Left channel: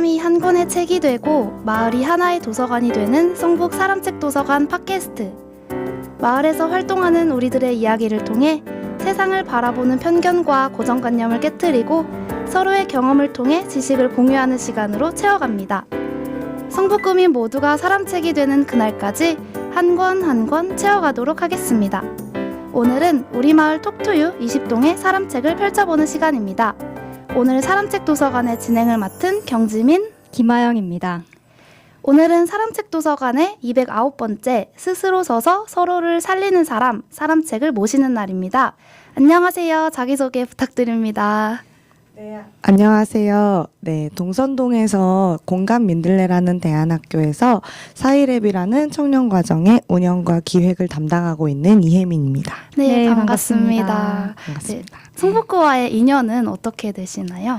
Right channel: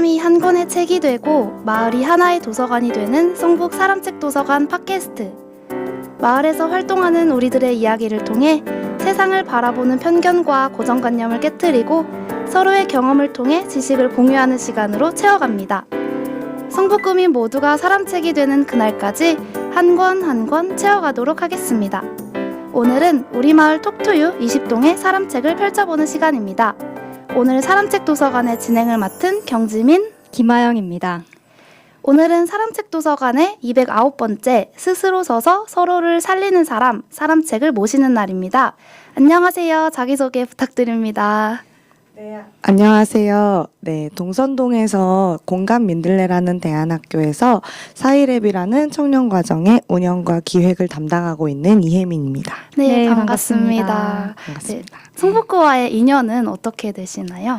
사람이 한 권의 책이 되고 마을이 하나의 도서관이 되는 성북 사람책 도서관 팟캐스트. 마을에서 활동하는 우리들의 이야기를 통해 세상을 바라보는 편견과 고정관념을 깨트리고 서로의 경험을 통해 지식을 공유하는 시간으로 채워갑니다. 성북구민 모두가 사람책이 되는 그날까지 한 권 한 권 채워가도록 하겠습니다. 오늘은 우리 마을 톡투유 20동의 사람책을 펼쳐보는 시간입니다. 오늘 사람책 도서관의 진행을 맡은 경지민, 김아영입니다. 오늘은 사람책 도서관의 209번째 스스로 서서 서로를 살리는 사람, 사람책을 모시는 날입니다. 안녕하세요. 자기소개 부탁드립니다. 네, 안녕하세요. 네, 동선동에서 공감 민들레라는 대안학교에서 사이랩이라는 청년과정의 운영과 기획을 담당하고 있는 이혜민입니다. 네, 네, 반갑습니다. 반갑습니다. 성북구와의 인연은 어떻게 되시나요?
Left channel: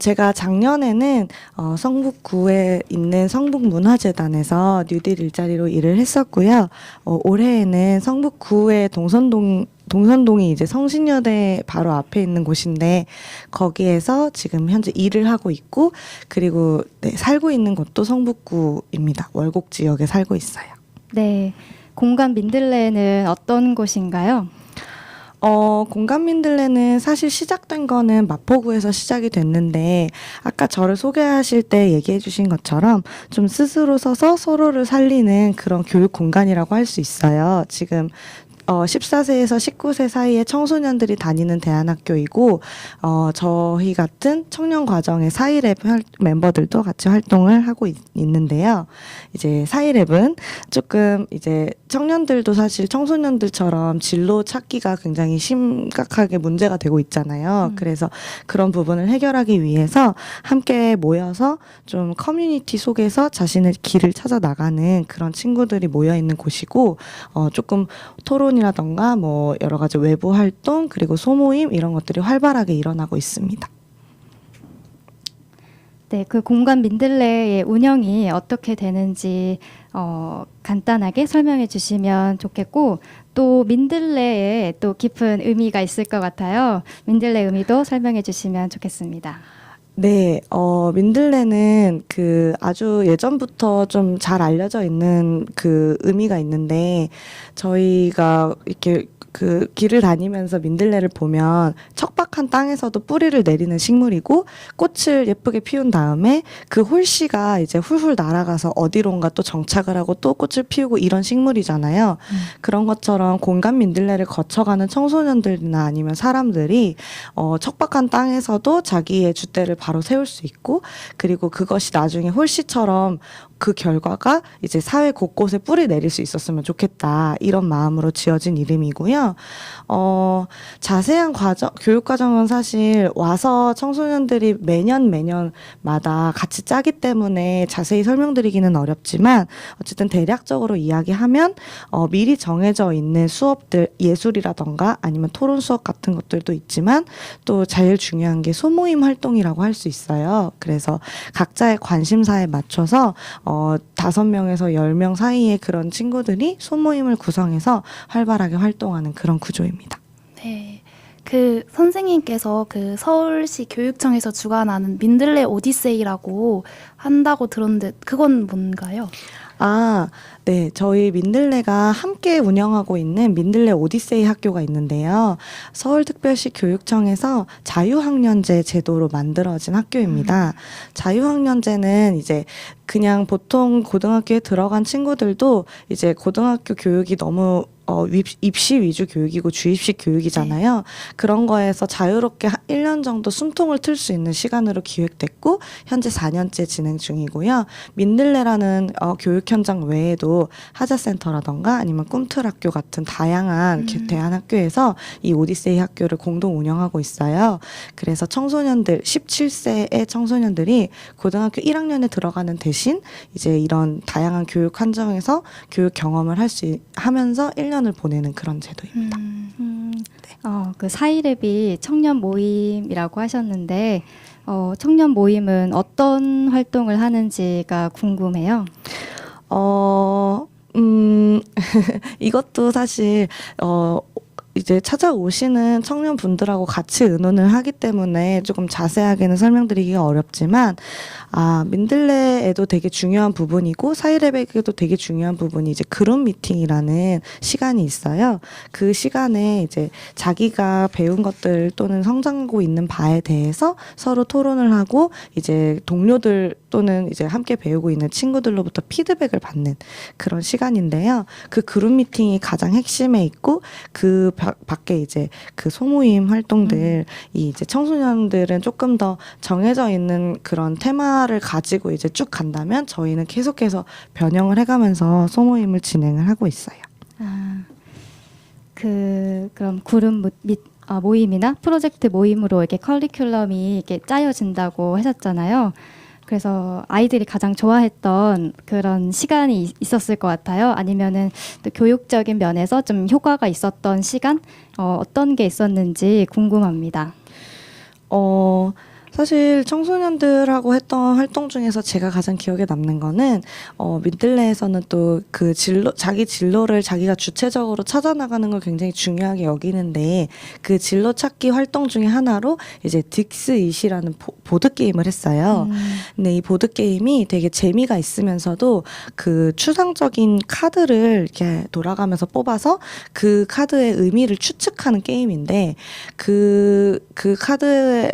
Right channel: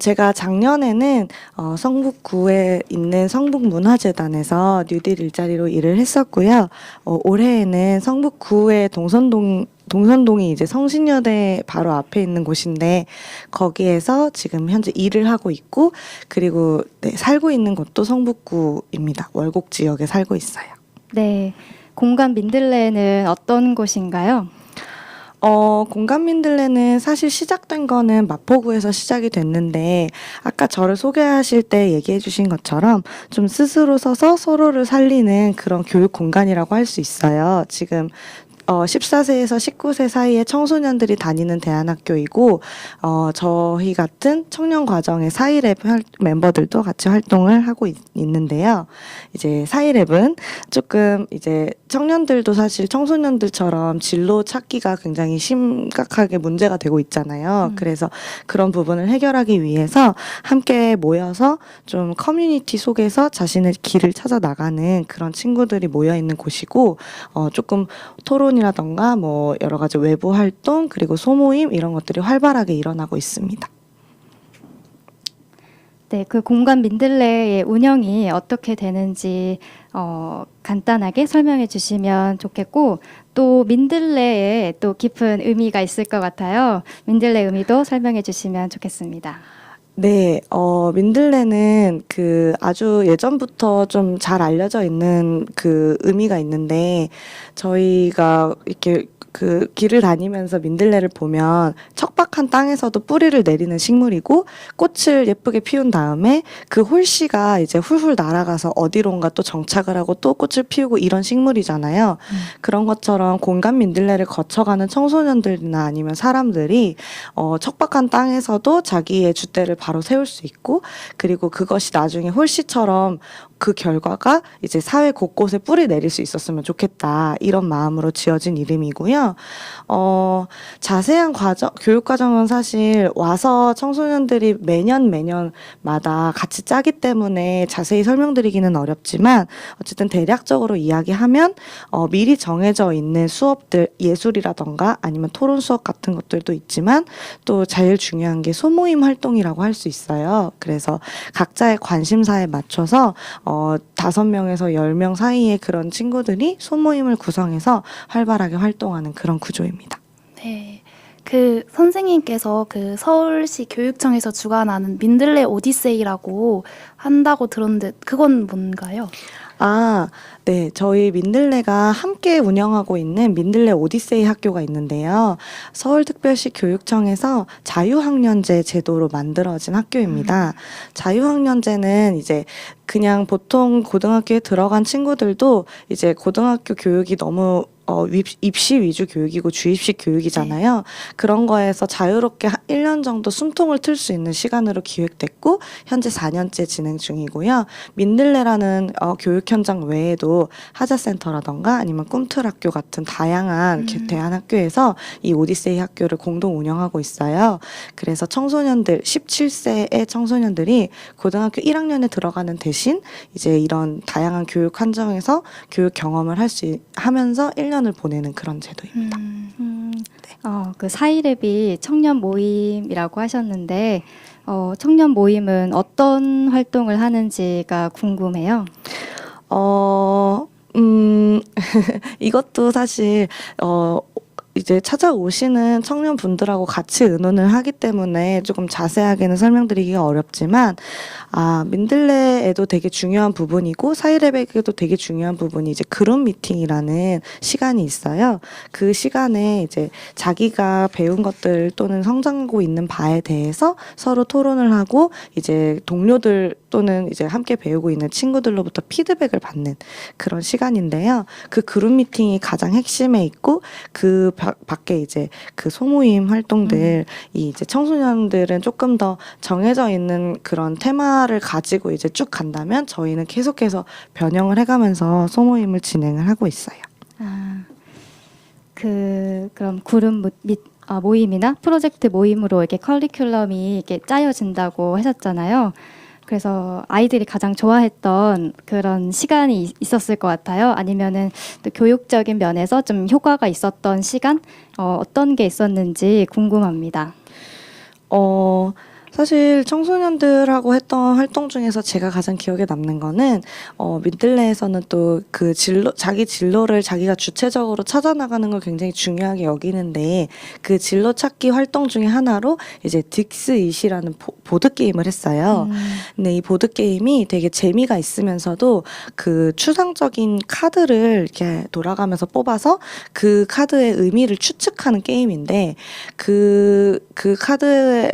제가 작년에는 성북구에 있는 성북문화재단에서 뉴딜 일자리로 일을 했었고요. 올해에는 성북구의 동선동이 이제 성신여대 바로 앞에 있는 곳인데 거기에서 지금 현재 일을 하고 있고 그리고 네, 살고 있는 곳도 성북구입니다. 월곡 지역에 살고 있어요. 네, 공간 민들레는 어떤 곳인가요? 공감 민들레는 사실 시작된 거는 마포구에서 시작이 됐는데 아까 저를 소개하실 때 얘기해 주신 것처럼 좀 스스로 서서 서로를 살리는 그런 교육 공간이라고 할 수 있어요. 지금 14세에서 19세 사이의 청소년들이 다니는 대안학교이고 저희 같은 청년 과정의 사이랩 멤버들도 같이 활동을 하고 있는데요. 이제 사이랩은 조금 이제 청년들도 사실 청소년들처럼 진로 찾기가 굉장히 심각하게 문제가 되고 있잖아요. 그래서 그런 부분을 해결하기 위해서 함께 모여서 좀 커뮤니티 속에서 자신의 길을 찾아 나가는 그런 친구들이 모여 있는 곳이고 조금 토론이라던가 뭐 여러 가지 외부 활동 그리고 소모임 이런 것들이 활발하게 일어나고 있습니다. 네, 그 공간 민들레의 운영이 어떻게 되는지 간단하게 설명해 주시면 좋겠고 또 민들레에 또 깊은 의미가 있을 것 같아요. 민들레 의미도 설명해 주시면 좋겠습니다. 네, 민들레는 그 아주 예전부터 좀 잘 알려져 있는 그 의미가 있는데 저희가 이렇게 그 길을 다니면서 민들레를 보면 척박한 땅에서도 뿌리를 내리는 식물이고 꽃을 예쁘게 피운 다음에 그 홀씨가 이제 훌훌 날아가서 어디론가 또 정착을 하고 또 꽃을 피우고 이런 식물이잖아요. 그런 것처럼 공간 민들레를 거쳐가는 청소년들이나 아니면 사람들이 척박한 땅에서도 자기의 줏대를 바로 세울 수 있고 그리고 그것이 나중에 홀씨처럼 그 결과가 이제 사회 곳곳에 뿌리 내릴 수 있었으면 좋겠다. 이런 마음으로 지어진 이름이고요. 자세한 교육 과정은 사실 와서 청소년들이 매년마다 같이 짜기 때문에 자세히 설명드리기는 어렵지만 어쨌든 대략적으로 이야기하면 미리 정해져 있는 수업들, 예술이라던가 아니면 토론 수업 같은 것들도 있지만 또 제일 중요한 게 소모임 활동이라고 할 수 있어요. 그래서 각자의 관심사에 맞춰서 5명에서 10명 사이의 그런 친구들이 소모임을 구성해서 활발하게 활동하는 그런 구조입니다. 네. 그 선생님께서 그 서울시 교육청에서 주관하는 민들레 오디세이라고 한다고 들었는데 그건 뭔가요? 네. 저희 민들레가 함께 운영하고 있는 민들레 오디세이 학교가 있는데요. 서울특별시 교육청에서 자유학년제 제도로 만들어진 학교입니다. 자유학년제는 이제 그냥 보통 고등학교에 들어간 친구들도 이제 고등학교 교육이 너무 입시 위주 교육이고 주입식 교육이잖아요. 네. 그런 거에서 자유롭게 1년 정도 숨통을 틀 수 있는 시간으로 기획됐고 현재 4년째 진행 중이고요. 민들레라는 교육 현장 외에도 하자센터라던가 아니면 꿈틀학교 같은 다양한 대안학교에서 이 오디세이 학교를 공동 운영하고 있어요. 그래서 청소년들 17세의 청소년들이 고등학교 1학년에 들어가는 대신 이제 이런 다양한 교육 환경에서 교육 경험을 하면서 1년을 보내는 그런 제도입니다. 네. 그 사이랩이 청년 모임이라고 하셨는데 청년 모임은 어떤 활동을 하는지가 궁금해요. 이것도 사실 이제 찾아오시는 청년분들하고 같이 의논을 하기 때문에 조금 자세하게는 설명드리기가 어렵지만, 민들레에도 되게 중요한 부분이고 사이랩에게도 되게 중요한 부분이 이제 그룹 미팅이라는 시간이 있어요. 그 시간에 이제 자기가 배운 것들 또는 성장하고 있는 바에 대해서 서로 토론을 하고, 이제 동료들 또는 이제 함께 배우고 있는 친구들로부터 피드백을 받는 그런 시간인데요. 그 그룹 미팅이 가장 핵심에 있고, 그 밖에 이제 그 소모임 활동들이 이제 청소년들은 조금 더 정해져 있는 그런 테마를 가지고 이제 쭉 간다면, 저희는 계속해서 변형을 해가면서 소모임을 진행을 하고 있어요. 그럼 그룹 모임이나 프로젝트 모임으로 이렇게 커리큘럼이 이렇게 짜여진다고 하셨잖아요. 그래서 아이들이 가장 좋아했던 그런 시간이 있었을 것 같아요. 아니면은 또 교육적인 면에서 좀 효과가 있었던 시간, 어떤 게 있었는지 궁금합니다. 사실 청소년들하고 했던 활동 중에서 제가 가장 기억에 남는 거는, 민들레에서는 또 그 자기 진로를 자기가 주체적으로 찾아나가는 걸 굉장히 중요하게 여기는데, 그 진로 찾기 활동 중에 하나로 이제 딕스잇이라는 보드게임을 했어요. 근데 이 보드게임이 되게 재미가 있으면서도 그 추상적인 카드를 이렇게 돌아가면서 뽑아서 그 카드의 의미를 추측하는 게임인데, 그 카드의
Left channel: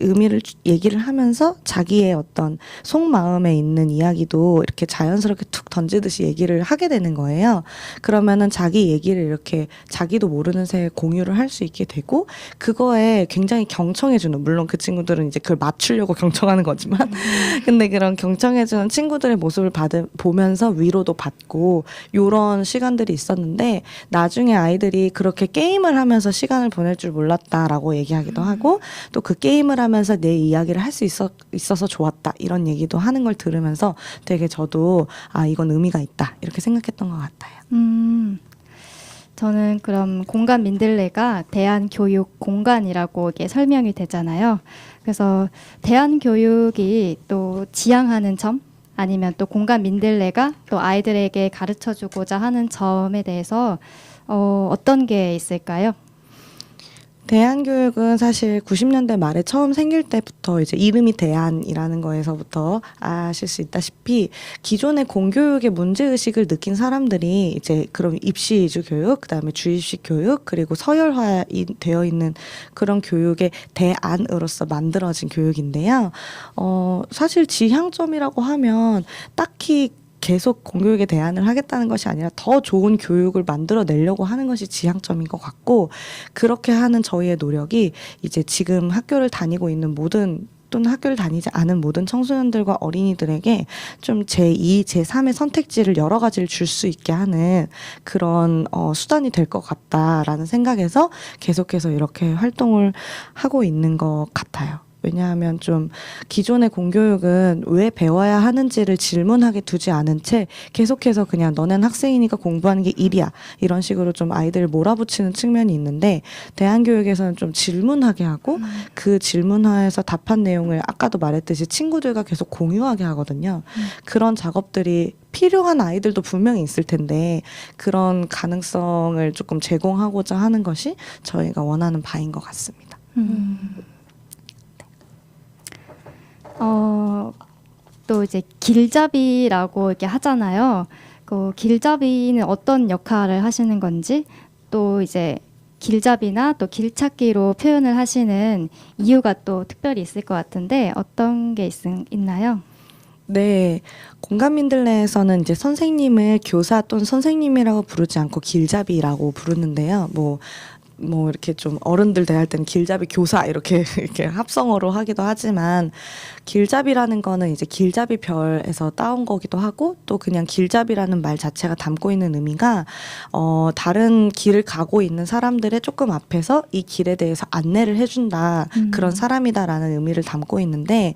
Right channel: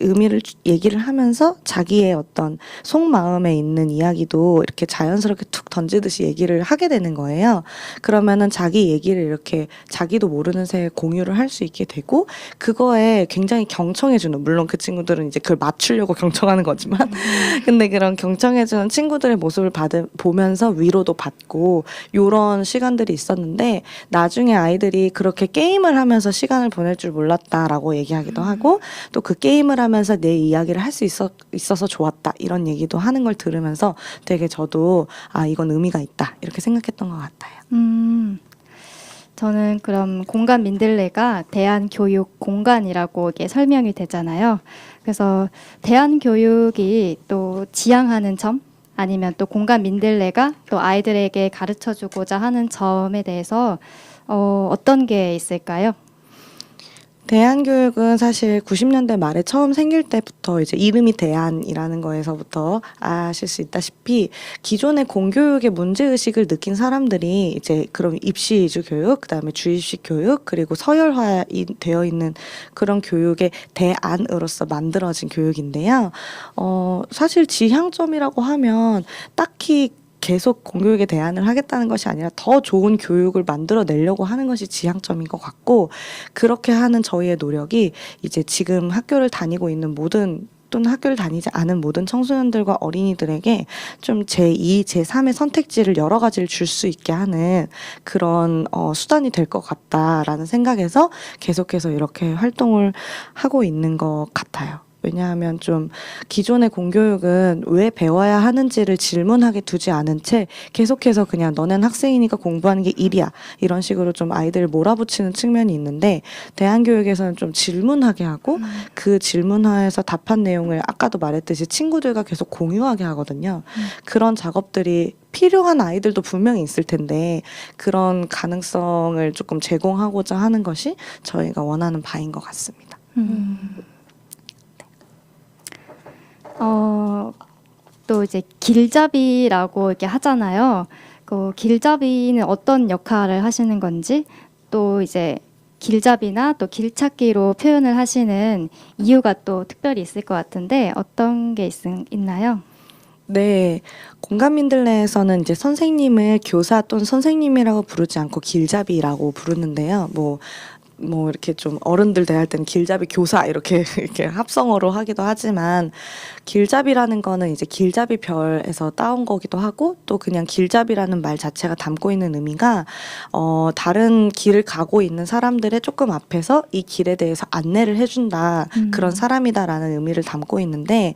의미를 얘기를 하면서 자기의 어떤 속마음에 있는 이야기도 이렇게 자연스럽게 툭 던지듯이 얘기를 하게 되는 거예요. 그러면은 자기 얘기를 이렇게 자기도 모르는 새에 공유를 할 수 있게 되고, 그거에 굉장히 경청해주는, 물론 그 친구들은 이제 그걸 맞추려고 경청하는 거지만 근데 그런 경청해주는 친구들의 모습을 보면서 위로도 받고, 요런 시간들이 있었는데, 나중에 아이들이 그렇게 게임을 하면서 시간을 보낼 줄 몰랐다라고 얘기하기도 하고, 또 그 게임을 하면서 내 이야기를 할 수 있어서 좋았다, 이런 얘기도 하는 걸 들으면서 되게 저도 이건 의미가 있다, 이렇게 생각했던 것 같아요. 저는 그럼 공간 민들레가 대안교육 공간이라고 이게 설명이 되잖아요. 그래서 대안교육이 또 지향하는 점, 아니면 또 공간 민들레가 또 아이들에게 가르쳐주고자 하는 점에 대해서 어떤 게 있을까요? 대안교육은 사실 90년대 말에 처음 생길 때부터 이제 이름이 대안이라는 거에서부터 아실 수 있다시피, 기존의 공교육의 문제의식을 느낀 사람들이 이제 그럼 입시 위주 교육, 그다음에 주입식 교육, 그리고 서열화 되어 있는 그런 교육의 대안으로서 만들어진 교육인데요. 사실 지향점이라고 하면 딱히 계속 공교육에 대안을 하겠다는 것이 아니라 더 좋은 교육을 만들어내려고 하는 것이 지향점인 것 같고, 그렇게 하는 저희의 노력이 이제 지금 학교를 다니고 있는 모든, 또는 학교를 다니지 않은 모든 청소년들과 어린이들에게 좀 제2, 제3의 선택지를 여러 가지를 줄 수 있게 하는 그런 수단이 될 것 같다라는 생각에서 계속해서 이렇게 활동을 하고 있는 것 같아요. 왜냐하면 좀 기존의 공교육은 왜 배워야 하는지를 질문하게 두지 않은 채 계속해서 그냥 너넨 학생이니까 공부하는 게 일이야, 이런 식으로 좀 아이들을 몰아붙이는 측면이 있는데, 대안교육에서는 좀 질문하게 하고, 그 질문하에서 답한 내용을 아까도 말했듯이 친구들과 계속 공유하게 하거든요. 그런 작업들이 필요한 아이들도 분명히 있을 텐데, 그런 가능성을 조금 제공하고자 하는 것이 저희가 원하는 바인 것 같습니다. 또 이제 길잡이라고 이렇게 하잖아요. 그 길잡이는 어떤 역할을 하시는 건지, 또 이제 길잡이나 또 길찾기로 표현을 하시는 이유가 또 특별히 있을 것 같은데, 어떤 게 있나요? 네, 공감민들레에서는 이제 선생님을 교사 또는 선생님이라고 부르지 않고 길잡이라고 부르는데요. 뭐 이렇게 좀 어른들 대할 때는 길잡이 교사 이렇게 합성어로 하기도 하지만, 길잡이라는 거는 이제 길잡이 별에서 따온 거기도 하고, 또 그냥 길잡이라는 말 자체가 담고 있는 의미가 다른 길을 가고 있는 사람들의 조금 앞에서 이 길에 대해서 안내를 해준다, 그런 사람이다라는 의미를 담고 있는데,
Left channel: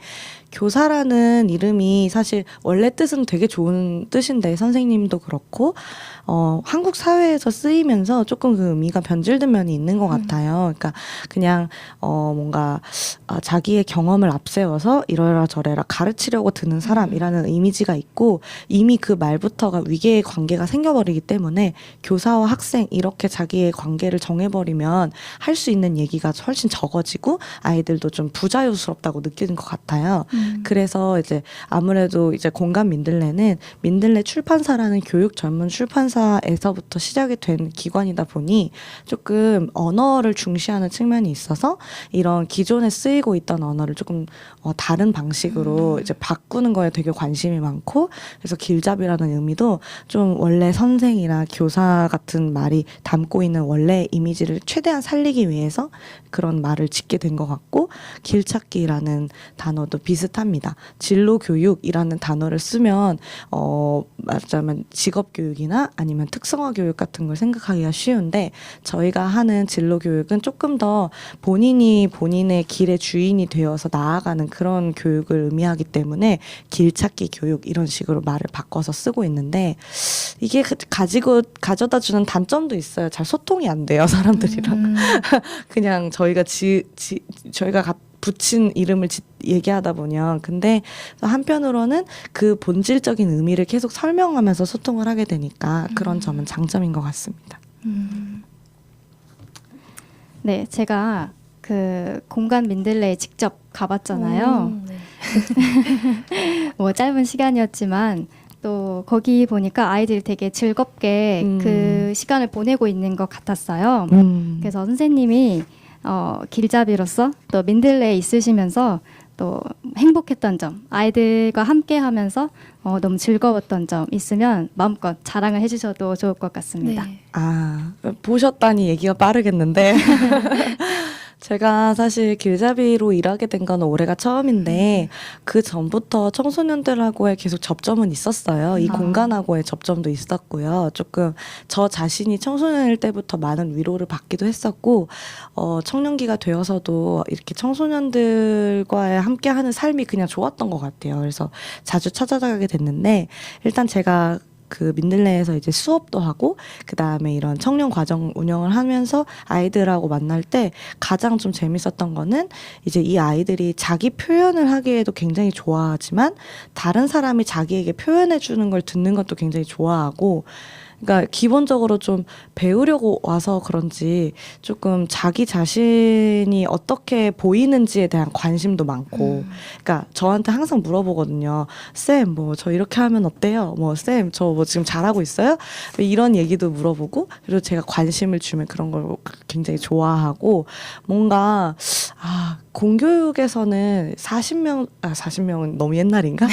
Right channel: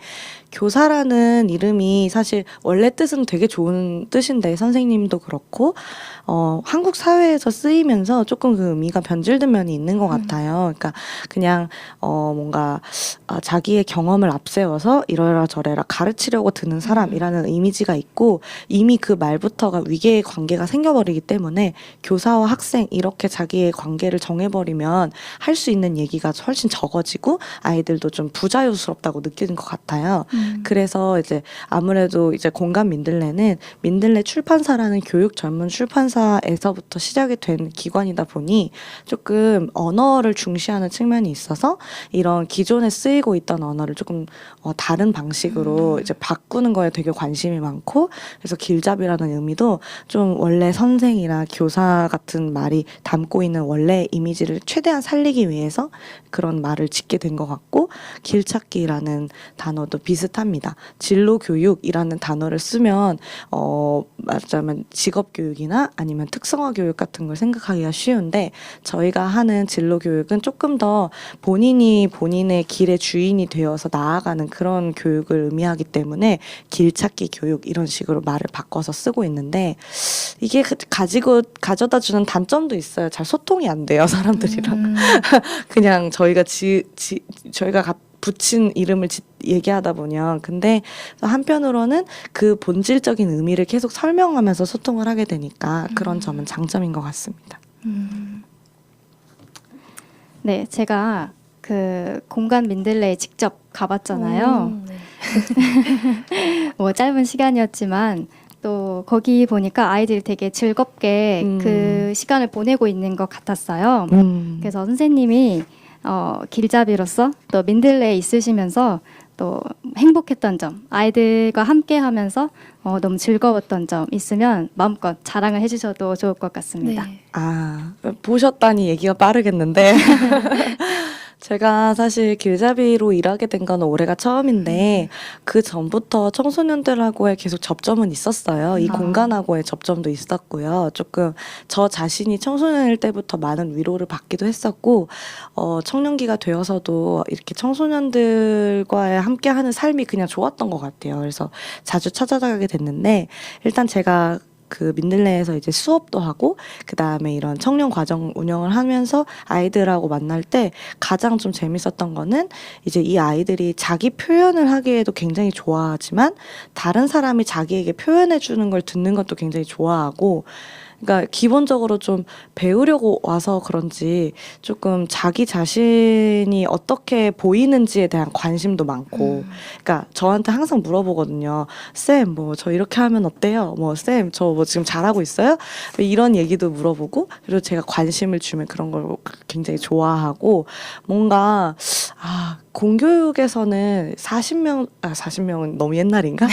교사라는 이름이 사실 원래 뜻은 되게 좋은 뜻인데 선생님도 그렇고 한국 사회에서 쓰이면서 조금 그 의미가 변질된 면이 있는 것 같아요. 그러니까 그냥 뭔가 자기의 경험을 앞세워서 이러라 저래라 가르치려고 드는 사람이라는 이미지가 있고 이미 그 말부터가 위계의 관계가 생겨버리기 때문에 교사와 학생 이렇게 자기의 관계를 정해버리면 할 수 있는 얘기가 훨씬 적어지고 아이들도 좀 부자유스럽다고 느끼는 것 같아요. 그래서 이제 아무래도 이제 공감 민들레는 민들레 출판사라는 교육 전문 출판사에서부터 시작이 된 기관이다 보니 조금 언어를 중시하는 측면이 있어서 이런 기존에 쓰이고 있던 언어를 조금 다른 방식으로 이제 바꾸는 거에 되게 관심이 많고 그래서 길잡이라는 의미도 좀 원래 선생이나 교사 같은 말이 담고 있는 원래 이미지를 최대한 살리기 위해서 그런 말을 짓게 된 것 같고 길찾기라는 단어도 비슷합니다. 진로교육이라는 단어를 쓰면 말하자면 직업교육이나 아니면 특성화 교육 같은 걸 생각하기가 쉬운데 저희가 하는 진로교육은 조금 더 본인이 본인의 길의 주인이 되어서 나아가는 그런 교육을 의미하기 때문에 길찾기 교육 이런 식으로 말을 바꿔서 쓰고 있는데 이게 가져다 주는 단점도 있어요. 잘 소통이 안 돼요, 사람들이랑. 그냥 저희가 저희가 붙인 이름을 얘기하다 보면 근데 한편으로는 그 본질적인 의미를 계속 설명하면서 소통을 하게 되니까 그런 점은 장점인 것 같습니다. 네, 제가 그 공간 민들레에 직접 가봤잖아요. 뭐 짧은 시간이었지만 또 거기 보니까 아이들이 되게 즐겁게 그 시간을 보내고 있는 것 같았어요. 그래서 선생님이 길잡이로서 또 민들레에 있으시면서 또 행복했던 점, 아이들과 함께 하면서 너무 즐거웠던 점 있으면 마음껏 자랑을 해주셔도 좋을 것 같습니다. 네. 보셨다니 얘기가 빠르겠는데 제가 사실 길잡이로 일하게 된 건 올해가 처음인데 그 전부터 청소년들하고의 계속 접점은 있었어요. 이 공간하고의 접점도 있었고요. 조금 저 자신이 청소년일 때부터 많은 위로를 받기도 했었고 청년기가 되어서도 이렇게 청소년들과 함께하는 삶이 그냥 좋았던 것 같아요. 그래서 자주 찾아가게 됐는데 일단 제가 그 민들레에서 이제 수업도 하고 그 다음에 이런 청년 과정 운영을 하면서 아이들하고 만날 때 가장 좀 재밌었던 거는 이제 이 아이들이 자기 표현을 하기에도 굉장히 좋아하지만 다른 사람이 자기에게 표현해 주는 걸 듣는 것도 굉장히 좋아하고 그러니까 기본적으로 좀 배우려고 와서 그런지 조금 자기 자신이 어떻게 보이는지에 대한 관심도 많고 그러니까 저한테 항상 물어보거든요. 쌤, 뭐 저 이렇게 하면 어때요? 뭐 쌤, 저 뭐 지금 잘하고 있어요? 이런 얘기도 물어보고 그리고 제가 관심을 주면 그런 걸 굉장히 좋아하고 뭔가 공교육에서는 40명은 너무 옛날인가?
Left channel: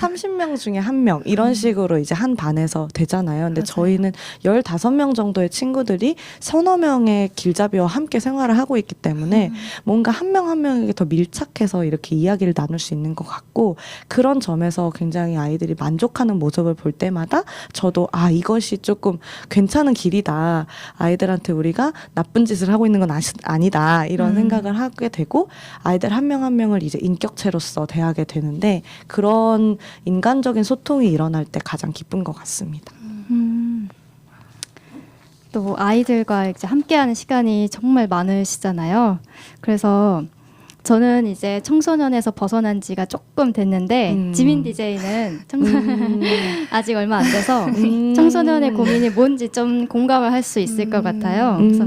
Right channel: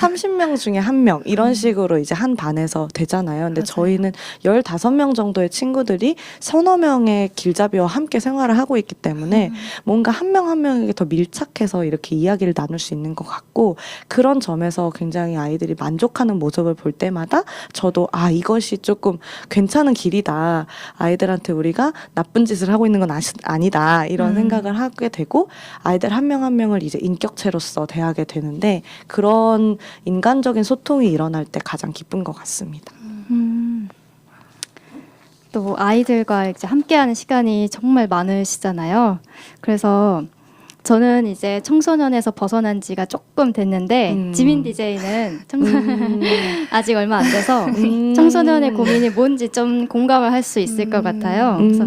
30명 중에 1명 이런 식으로 이제 한 반에서 되잖아요. 근데 맞아요. 저희는 15명 정도의 친구들이 서너 명의 길잡이와 함께 생활을 하고 있기 때문에 뭔가 한 명 한 명에게 더 밀착해서 이렇게 이야기를 나눌 수 있는 것 같고 그런 점에서 굉장히 아이들이 만족하는 모습을 볼 때마다 저도 이것이 조금 괜찮은 길이다. 아이들한테 우리가 나쁜 짓을 하고 있는 건 아니다. 이런 생각을 하게 되고 아이들 한 명 한 명을 이제 인격체로서 대하게 되는데 그런 인간적인 소통이 일어날 때 가장 기쁜 것 같습니다. 또 아이들과 이제 함께하는 시간이 정말 많으시잖아요. 그래서 저는 이제 청소년에서 벗어난 지가 조금 됐는데 지민 DJ는 아직 얼마 안 돼서 청소년의 고민이 뭔지 좀 공감을 할 수 있을 것 같아요. 그래서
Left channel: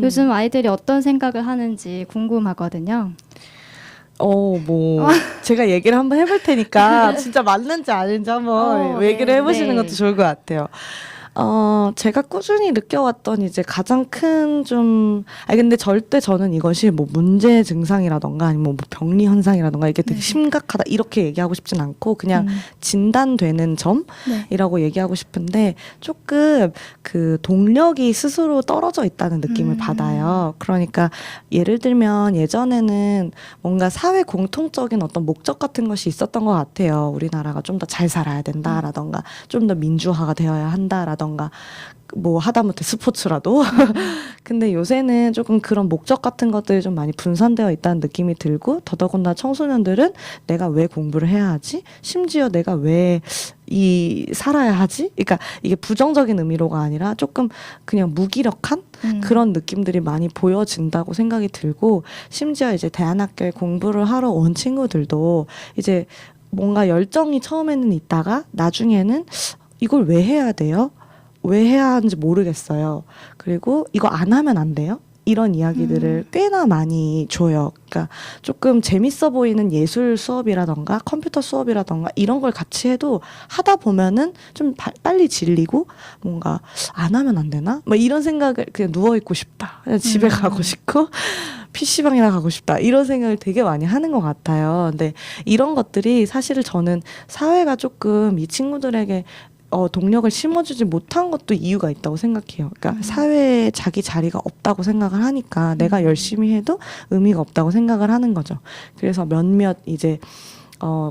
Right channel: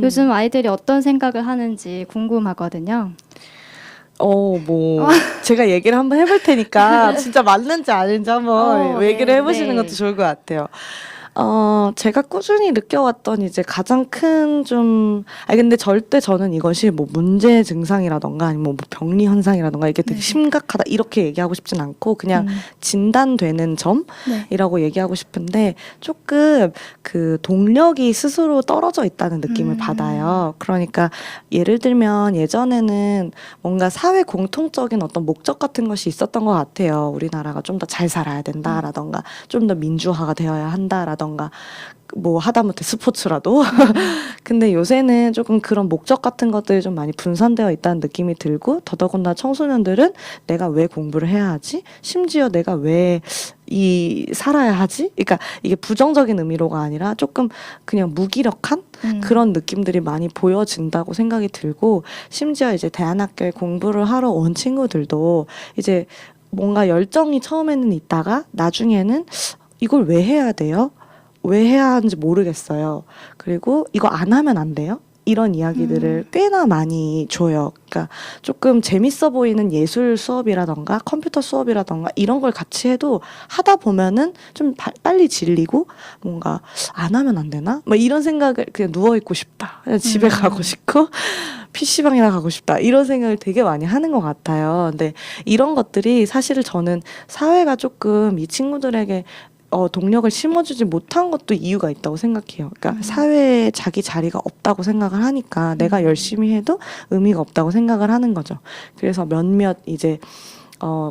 요즘 아이들이 어떤 생각을 하는지 궁금하거든요. 제가 얘기를 한번 해볼 테니까 진짜 맞는지 아닌지 한번 얘기를 해보시는 것도 좋을 것 같아요. 제가 꾸준히 느껴왔던 이제 가장 큰 근데 절대 저는 이것이 뭐 문제 증상이라던가 아니면 뭐 병리 현상이라던가 이게 되게 심각하다 이렇게 얘기하고 싶진 않고 그냥 진단되는 점이라고 얘기하고 싶은데 조금 그 동력이 스스로 떨어져 있다는 느낌을 받아요. 그러니까 예를 들면 예전에는 뭔가 사회 공통적인 어떤 목적 같은 것이 있었던 것 같아요. 우리나라가 좀 더 잘 살아야 된다라던가 좀 더 민주화가 되어야 한다라던가 운동이라던가 뭐 하다못해 스포츠라도 근데 요새는 조금 그런 목적 같은 것들이 좀 많이 분산되어 있다는 느낌이 들고 더더군다나 청소년들은 내가 왜 공부를 해야 하지? 심지어 내가 왜 살아야 하지? 그러니까 이게 부정적인 의미로가 아니라 조금 그냥 무기력한 그런 느낌들이 많이 보여진다고 생각이 들고 심지어 이제 대안학교에 공부를 하러 온 친구들도 이제 뭔가 열정이 처음에는 있다가 나중에는 이걸 왜 해야 돼요? 왜 해야 하는지 모르겠어요. 그리고 이거 안 하면 안 돼요? 이런 이야기들을 꽤나 많이 줘요. 그러니까 조금 재밌어 보이는 예술 수업이라던가 컴퓨터 수업이라던가 이런 걸 같이 해도 하다 보면은 좀 빨리 질리고 뭔가 안 하면 안 되나? 뭐 이런 생각을 그냥 누워있고 싶다. 그냥 집에 가고 싶고 PC방이나 가고 싶다. 이런 생각을 되게 많이 하는 것 같아요. 근데 이런 것들이 사실은 저는 사회가 조금 이 친구들에게 동력을 심어주지 못한 것도 이유가 있다고 생각해요. 그러니까 사회에 자기 자리가 없다고 생각을 하니까 내가 열심히 해도 의미가 없다고 생각을 하는 거죠. 그래서 몇몇 이제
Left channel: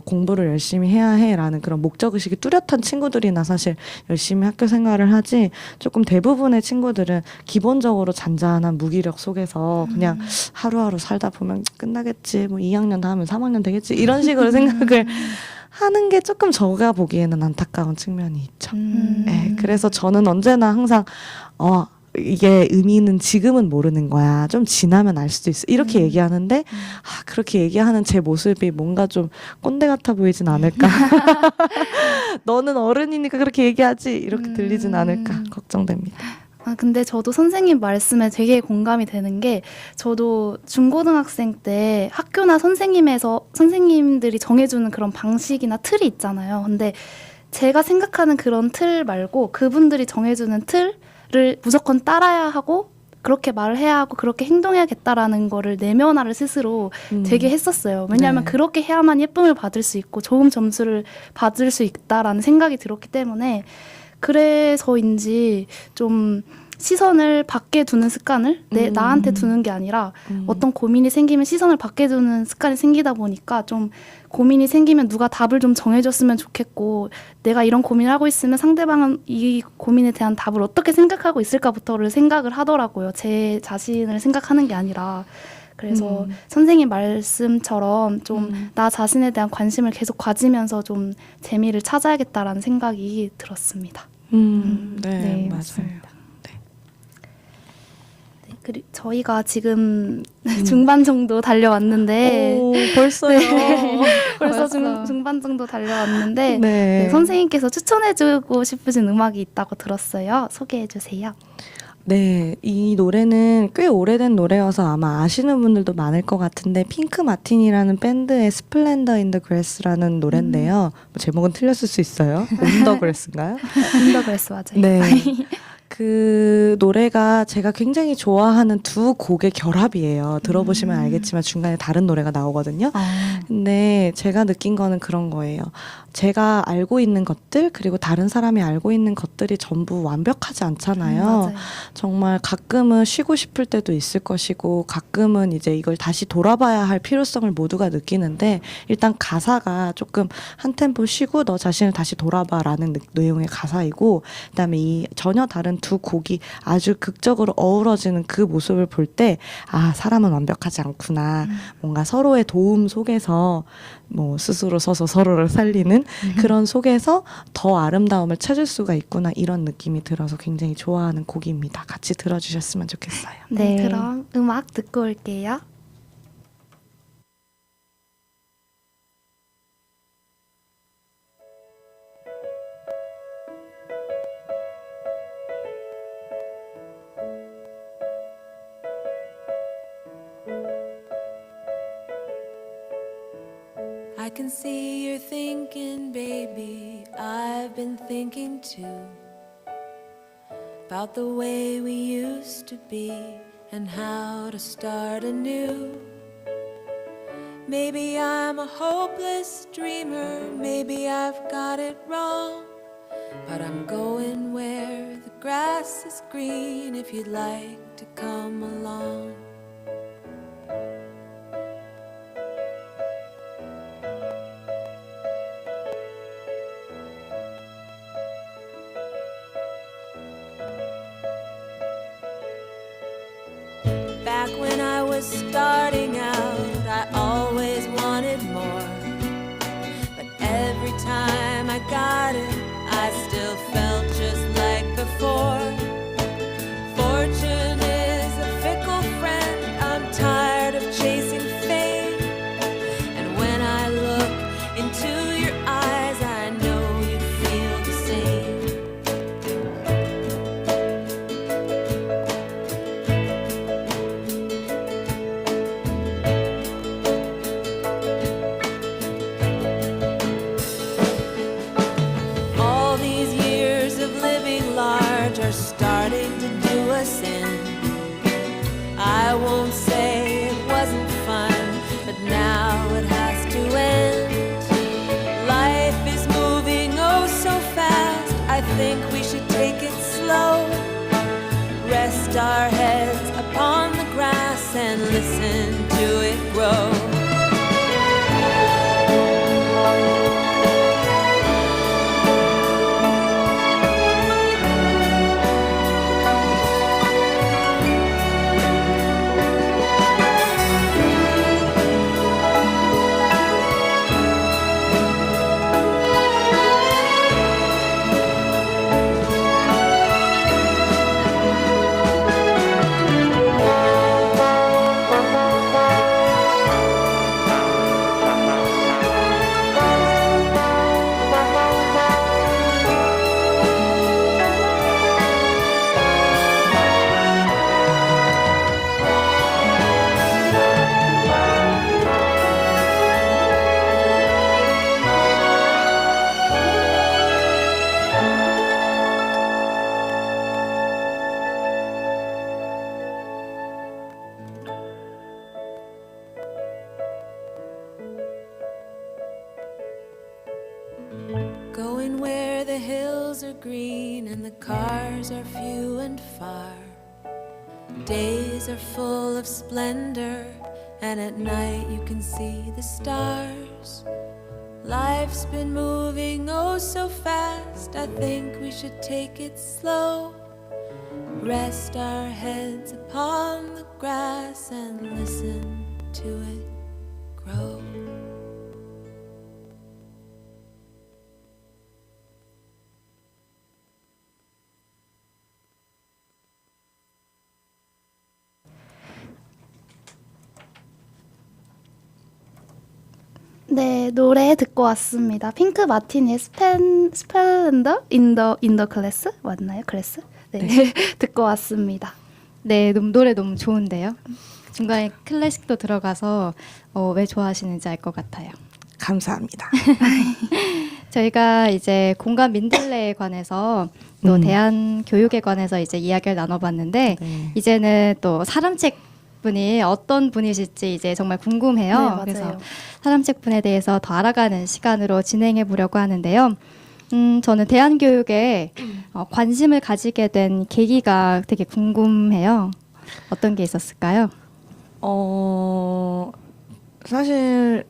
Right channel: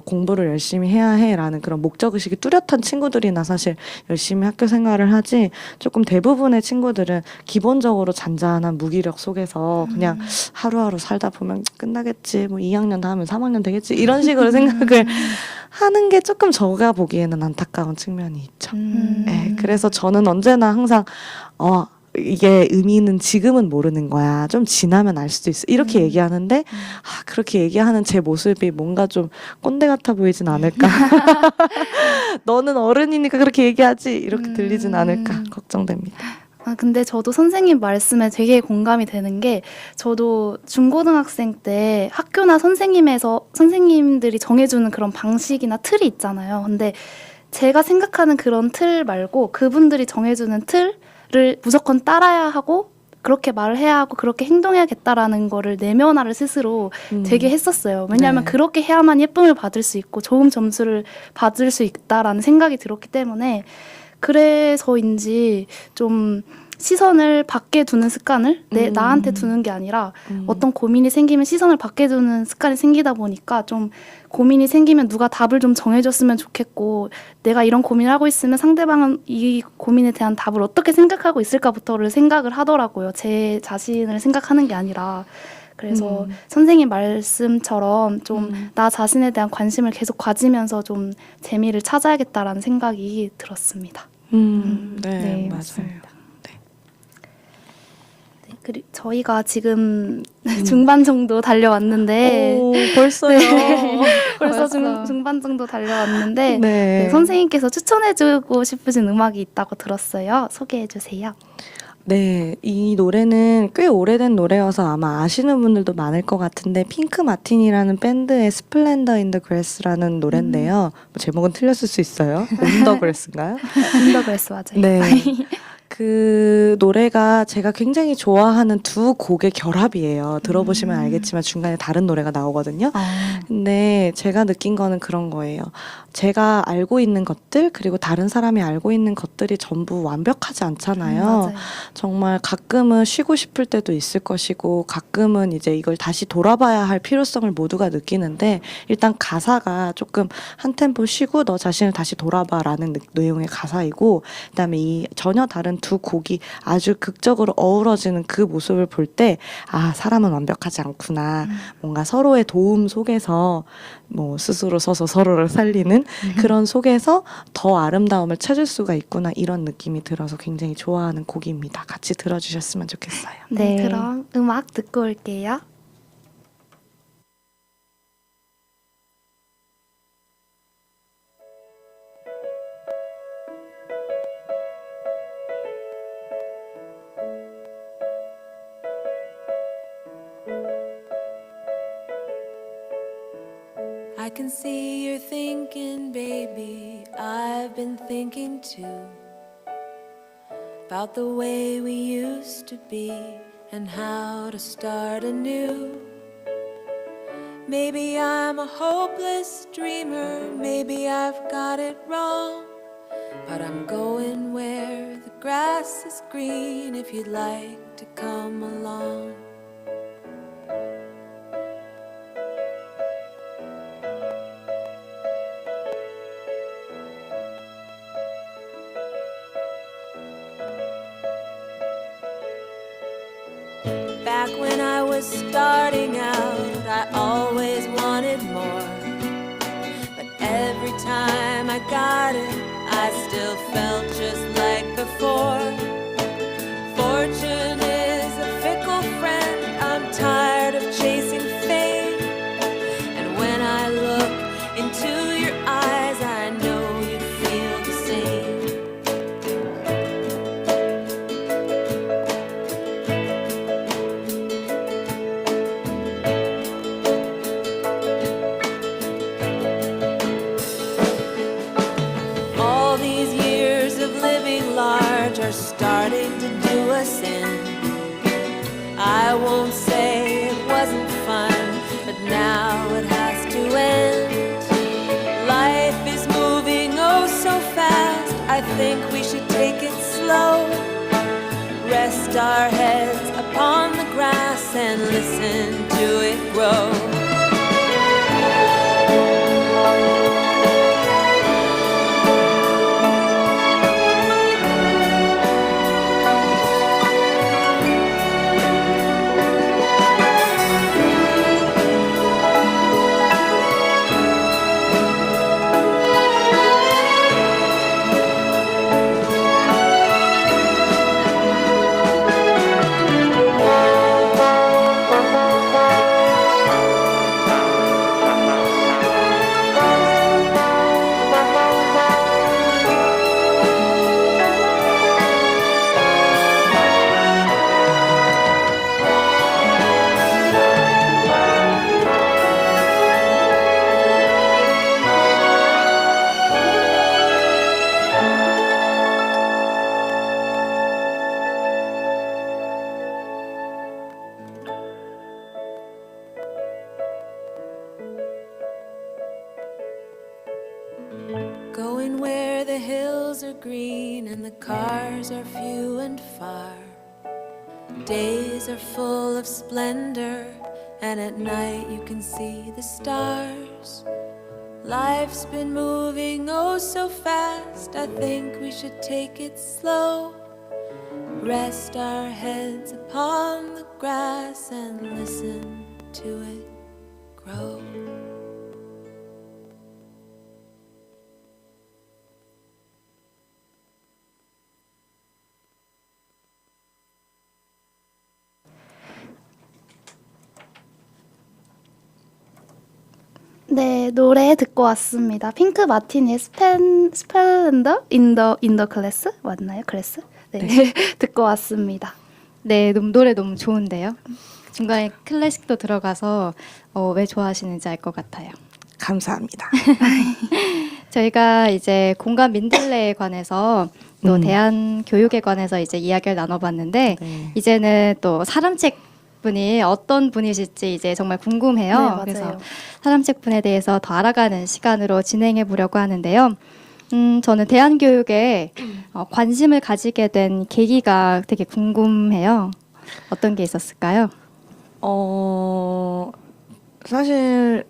공부를 열심히 해야 해라는 그런 목적의식이 뚜렷한 친구들이나 사실 열심히 학교 생활을 하지 조금 대부분의 친구들은 기본적으로 잔잔한 무기력 속에서 그냥 하루하루 살다 보면 끝나겠지 뭐 2학년 다 하면 3학년 되겠지 이런 식으로 생각을 하는 게 조금 제가 보기에는 안타까운 측면이 있죠. 네, 그래서 저는 언제나 항상 이게 의미는 지금은 모르는 거야. 좀 지나면 알 수도 있어. 이렇게 얘기하는데 그렇게 얘기하는 제 모습이 뭔가 좀 꼰대 같아 보이진 않을까. 너는 어른이니까 그렇게 얘기하지. 이렇게 들리진 않을까 걱정됩니다. 근데 저도 선생님 말씀에 되게 공감이 되는 게 저도 중고등학생 때 학교나 선생님들이 정해주는 그런 방식이나 틀이 있잖아요. 근데 제가 생각하는 그런 틀 말고 그분들이 정해주는 틀을 무조건 따라야 하고 그렇게 말을 해야 하고 그렇게 행동해야겠다라는 거를 내면화를 스스로 되게 했었어요. 왜냐하면 네. 그렇게 해야만 예쁨을 받을 수 있고 좋은 점수를 받을 수 있다라는 생각이 들었기 때문에 그래서인지 좀 시선을 밖에 두는 습관을 나한테 두는 게 아니라 어떤 고민이 생기면 시선을 밖에 두는 습관이 생기다 보니까 좀 고민이 생기면 누가 답을 좀 정해줬으면 좋겠고 내가 이런 고민을 하고 있으면 상대방은 이 고민에 대한 답을 어떻게 생각하고 있을까부터를 생각을 하더라고요. 제 자신을 생각하는 게 아니라. 그래서 선생님 말씀처럼 좀 나 자신에 대한 관심을 계속 가지면서 좀 재미를 찾아야겠다라는 생각이 들었습니다. 네, 맞아요. 맞습니다. 그리고 저희가 지금 중반 정도 달려왔는데 오, 벌써요. 벌써 벌써. 중반 정도 달려왔는데 네. 선생님께서 추천해주고 싶으신 음악이 있다고 들었어요. 소개해주세요. 네, 이 노래는 꽤 오래된 노래여서 아마 아시는 분들도 많을 것 같은데 핑크 마틴이라는 밴드의 스플렌더 인 더 그래스라는 노래인데요. 뭐 제목은 틀렸을 수 있어요. 인더 그래스인가요? 인더그레스 맞아요. 네. 그 노래가 제가 굉장히 좋아하는 두 곡의 결합이에요. 들어보시면 알겠지만 중간에 다른 노래가 나오거든요. 근데 제가 느낀 거는 그런 거예요. 제가 알고 있는 것들 그리고 다른 사람이 알고 있는 것들이 전부 완벽하지 않잖아요. 맞아요. 정말 가끔은 쉬고 싶을 때도 있을 것이고 가끔은 이제 이걸 다시 돌아봐야 할 필요성을 모두가 느끼는데 일단 가사가 조금 한 템포 쉬고 너 자신을 다시 돌아봐라는 내용의 가사이고 그다음에 이 전혀 다른 두 곡이 아주 극적으로 어우러지는 그 모습을 볼 때 사람은 완벽하지 않구나. 뭔가 서로의 도움 속에서 뭐 스스로 서서 서로를 살리는 그런 속에서 더 아름다움을 찾을 수가 있구나 이런 느낌이 들어서 굉장히 좋아하는 곡입니다. 같이 들어주셨으면 좋겠어요. 네, 그럼 음악 듣고 올게요. I can see you're thinking, baby, I've been thinking too, about the way we used to be and how to start anew. Maybe I'm a hopeless dreamer, maybe I've got it wrong, but I'm going where the grass is green if you'd like to come along. back when I was starting out, I always wanted more. But every time I got it, I still felt just like before. Fortune is a fickle friend, I'm tired of chasing fame. And when I look into your eyes, I know you feel the same. All these years of living large are starting to do us in. I won't say it wasn't fun, but now it has to end. Life is moving oh so fast, I think we should take it slow. Rest our heads upon the grass and listen to it grow. Going where the hills are green and the cars are few and far. Days are full of splendor, and at night you can see the stars. Life's been moving oh so fast, I think we should take it slow. Rest our heads upon the grass and listen to it grow. 네, 노래 듣고 왔습니다. 핑크 마티니의 스플렌더 인더 클래스 맞나요? 클래스? 네, 듣고 왔습니다. 네, 노래 너무 좋은데요. 중간에 클래식도 들어가서 왜 좋아하시는지 알 것 같아요. 감사합니다. 저희가 이제 공간 민들레에 관해서 또 대한 교육에 관해서 이제 이야기를 나눠봤는데 네. 이제는 또 사람책 분이 어떤 분이실지 이제 정말 궁금해요. 네, 맞아요. 그래서 사람책 분에 대해서 더 알아가는 시간으로 진행해 보려고 하는데요. 저는 대한교육에 관심을 가지게 된 계기가 되게 궁금해요. 어떤 게 있었을까요? 사실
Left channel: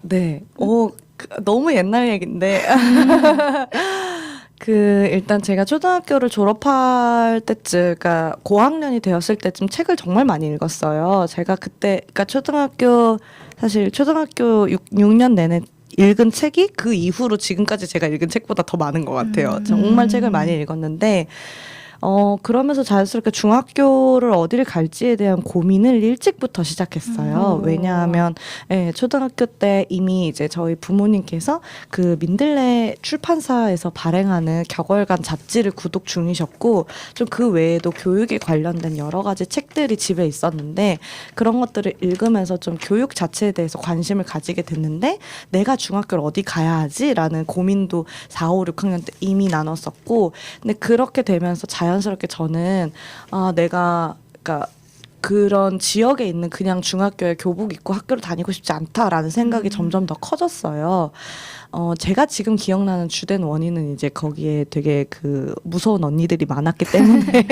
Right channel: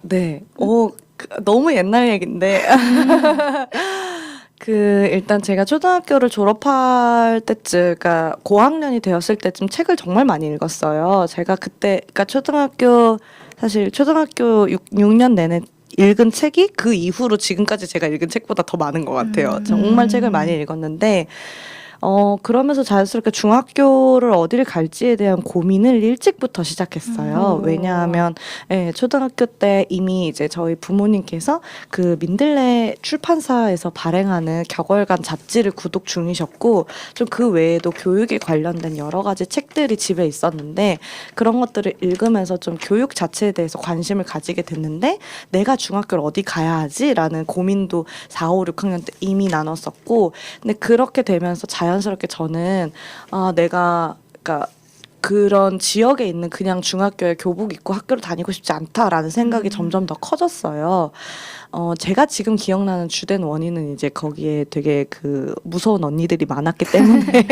네. 너무 옛날 얘긴데. 일단 제가 초등학교를 졸업할 때쯤, 그러니까 고학년이 되었을 때쯤 책을 정말 많이 읽었어요. 제가 그때, 그러니까 초등학교 6년 내내 읽은 책이 그 이후로 지금까지 제가 읽은 책보다 더 많은 것 같아요. 정말 책을 많이 읽었는데, 그러면서 자연스럽게 중학교를 어디를 갈지에 대한 고민을 일찍부터 시작했어요. 왜냐하면, 초등학교 때 이미 이제 저희 부모님께서 그 민들레 출판사에서 발행하는 격월간 잡지를 구독 중이셨고, 좀 그 외에도 교육에 관련된 여러 가지 책들이 집에 있었는데, 그런 것들을 읽으면서 좀 교육 자체에 대해서 관심을 가지게 됐는데, 내가 중학교를 어디 가야 하지? 라는 고민도 4, 5, 6학년 때 이미 나눴었고, 근데 그렇게 되면서 자연스럽게 저는 그러니까 그런 지역에 있는 그냥 중학교에 교복 입고 학교를 다니고 싶지 않다라는 생각이 점점 더 커졌어요. 제가 지금 기억나는 주된 원인은 이제 거기에 되게 그 무서운 언니들이 많았기 때문에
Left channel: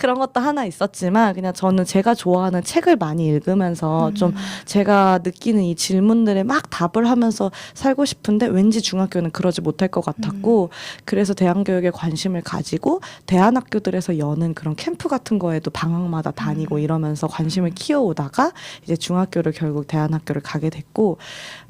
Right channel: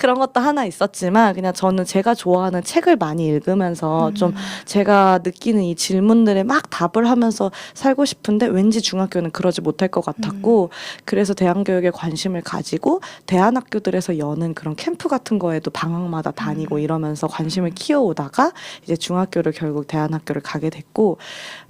그런 것도 하나 있었지만, 그냥 저는 제가 좋아하는 책을 많이 읽으면서 좀 제가 느끼는 이 질문들에 막 답을 하면서 살고 싶은데 왠지 중학교는 그러지 못할 것 같았고, 그래서 대한교육에 관심을 가지고 대안학교들에서 여는 그런 캠프 같은 거에도 방학마다 데마다 다니고 이러면서 관심을 키워오다가 이제 중학교를 결국 대안학교를 가게 됐고,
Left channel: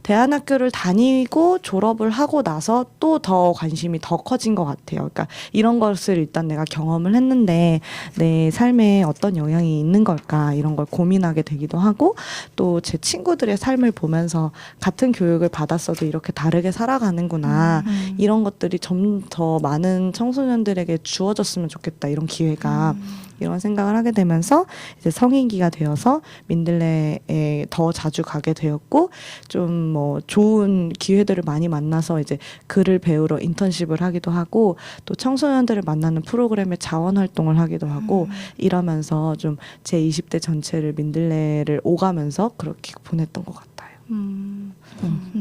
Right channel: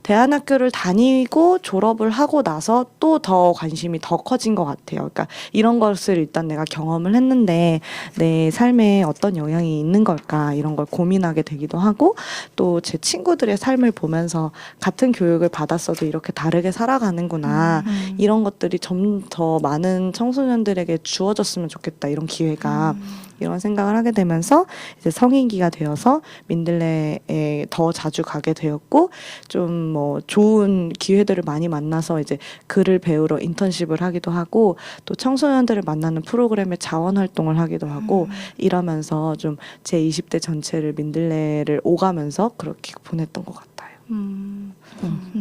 대안학교를 다니고 졸업을 하고 나서 또 더 관심이 더 커진 것 같아요. 그러니까 이런 것을 일단 내가 경험을 했는데 내 삶에 어떤 영향이 있는 걸까, 이런 걸 고민하게 되기도 하고, 또 제 친구들의 삶을 보면서 같은 교육을 받았어도 이렇게 다르게 살아가는구나, 이런 것들이 좀 더 많은 청소년들에게 주어졌으면 좋겠다, 이런 기회가. 이런 생각을 하게 되면서 이제 성인기가 되어서 민들레에 더 자주 가게 되었고, 좀 뭐 좋은 기회들을 많이 만나서 이제 글을 배우러 인턴십을 하기도 하고, 또 청소년들을 만나는 프로그램의 자원 활동을 하기도 하고, 이러면서 좀 제 20대 전체를 민들레를 오가면서 그렇게 보냈던 것 같아요.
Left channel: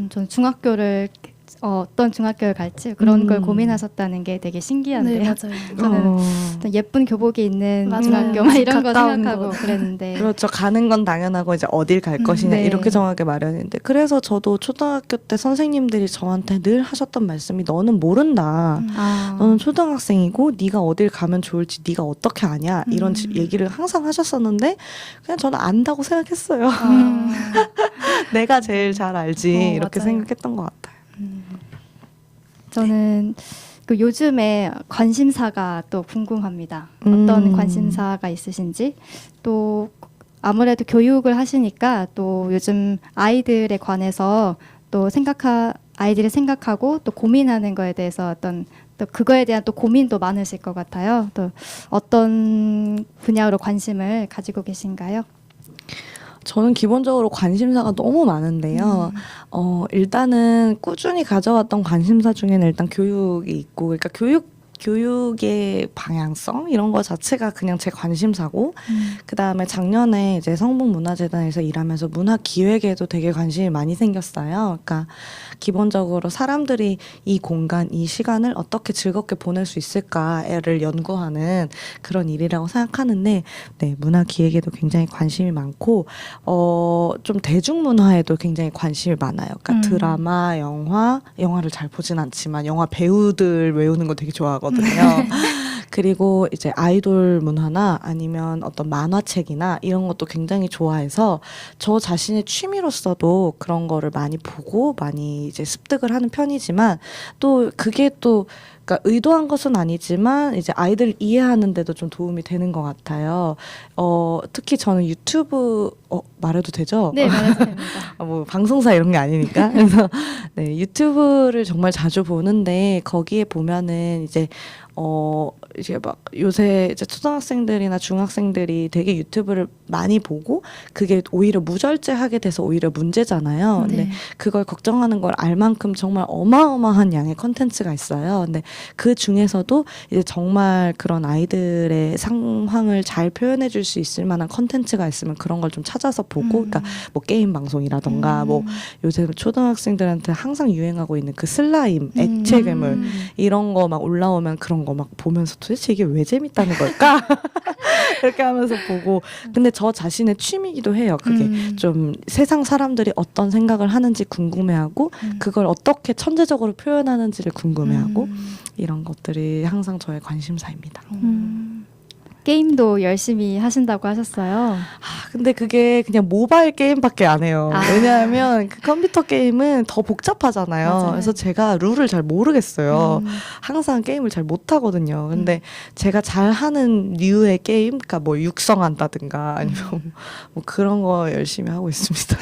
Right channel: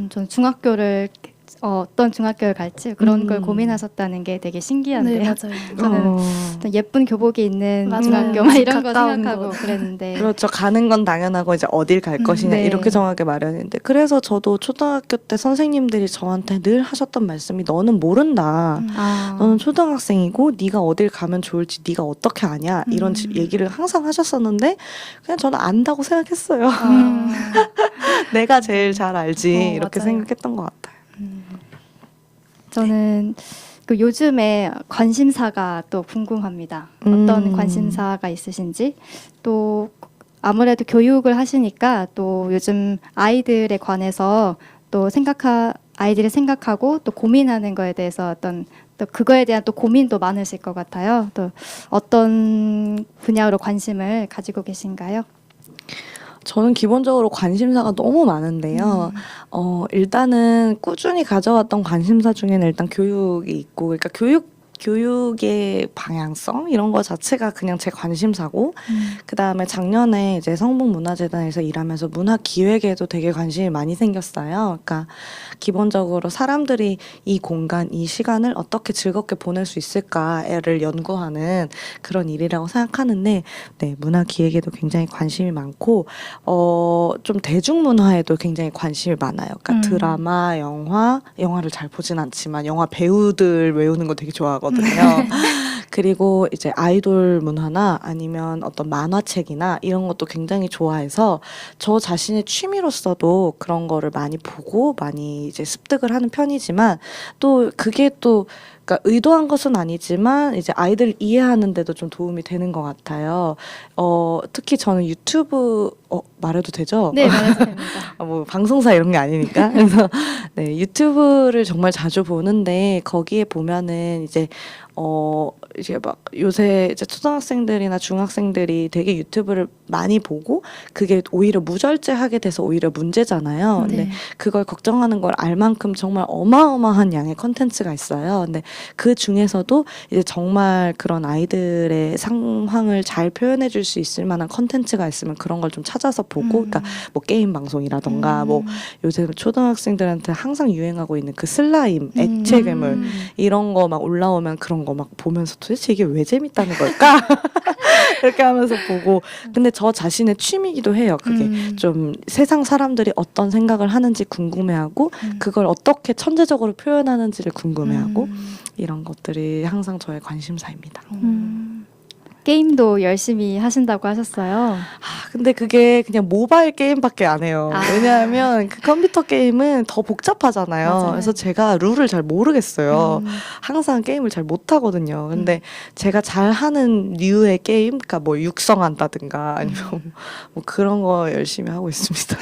전 중학교를 어떤 중학교를 갈지 그런 걸 고민하셨다는 게 되게 신기한데요. 네, 맞아요. 저는 어떤 예쁜 교복이 있는 맞아요. 중학교 막 이런 거 가까운 생각하고 곳. 그랬는데 그렇죠. 가는 건 당연하고 이제 어딜 갈 것이냐, 네. 이렇게 정하게 마련인데, 그래서 저도 초등학교 때 선생님들이 저한테 늘 하셨던 말씀이, 너는 모른다. 너는 초등학생이고 네가 어딜 가면 좋을지 네가 어떻게 아냐, 이런 얘기를 항상 하셨었는데, 그냥 저는 안다고 생각했어요. 내가 제일 잘 알지, 이렇게 맞아요. 생각했던 것 같아요. 저는 그 요즘에 관심사가 또 궁금합니다. 어떤 관심사가 있으신지, 또 아무래도 교육을 하시니까 또 요즘 아이들에 관해서 또 아이들이 생각하고 또 고민하는 거에 대해서 어떤 또 그거에 대한 또 고민도 많으실 것 같아요. 또 어떤 분야로 관심을 가지고 계신가요? 저는 기본적으로 관심사가 너무 많은데요. 일단은 꾸준히 가져왔던 관심사 중에는 일단 교육이 있고, 그러니까 교육의 방향성 이런 거 자체가 그냥 제 관심사고, 그다음에 작년에 이제 성북문화재단에서 일하면서 문화 기획에도 되게 관심이 많이 생겼어요. 그러니까 기본적으로 사람들이 이 공간, 이 시간을 어떻게 즐겁게 보낼 수 있을까를 연구하는 그런 일이라고 생각하는데, 네, 문화 기획에도 굉장히 관심이 많고, 좀 대중문화에도 굉장히 관심이 많아요. 그러니까 드라마, 영화를 잘 보진 않지만 영화 배우들 외우는 거 되게 좋아하거든요. 그리고 이제 아이돌 문화나 아니면 어떤 만화책이나 이런 것도 굉장히 좋아해서 저 자신의 취미로서도 그런 거를 많이 보고 많이 이제 습득을 하는 편이지만, 또 그게 또 그러니까 의도한 것은 아니지만 이제 아이들을 이해하는 데도 좀 도움이 되는 것 같아요. 특히 저는 유튜브 말해도 되죠? 네, 말해도 됩니다. 뭐 방송사 이런 게 아니니까. 그래서 네, 유튜브를 정말 자주 보는데, 거기에 보면은 이제 막 요새 이제 초등학생들이나 중학생들이 되게 유튜브를 많이 보고 그게 오히려 무절제하게 돼서 오히려 문제잖아요. 근데 네. 그걸 걱정하는 걸 알 만큼 정말 어마어마한 양의 컨텐츠가 있어요. 근데 그 중에서도 이제 정말 그런 아이들의 상황을 잘 표현해 줄 수 있을 만한 컨텐츠가 있으면 그런 걸 좀 찾아서 보고, 그러니까 뭐 게임 방송이라던가 뭐 요새 초등학생들한테 항상 유행하고 있는 그 슬라임, 액체 괴물 이런 거 막 올라오면 그런 거 막 보면서 도대체 이게 왜 재밌다는 걸까? 이렇게 하면서 보고. 근데 저 자신의 취미이기도 해요. 그게 좀 세상 사람들이 어떤 생각을 하는지 궁금해하고, 그걸 어떻게 천재적으로 표현하는지를 궁금해하고, 이런 것들이 항상 저의 관심사입니다. 게임도 열심히 하신다고 하셨어요. 근데 그게 그냥 모바일 게임밖에 안 해요. 왜냐하면 그 컴퓨터 게임은 더 복잡하잖아요. 맞아요. 그래서 제가 룰을 잘 모르겠어요. 항상 게임을 잘 못하거든요. 근데 제가 잘하는 류의 게임, 그러니까 뭐 육성한다든가 아니면 뭐 그런 거 열심히 하고 있습니다.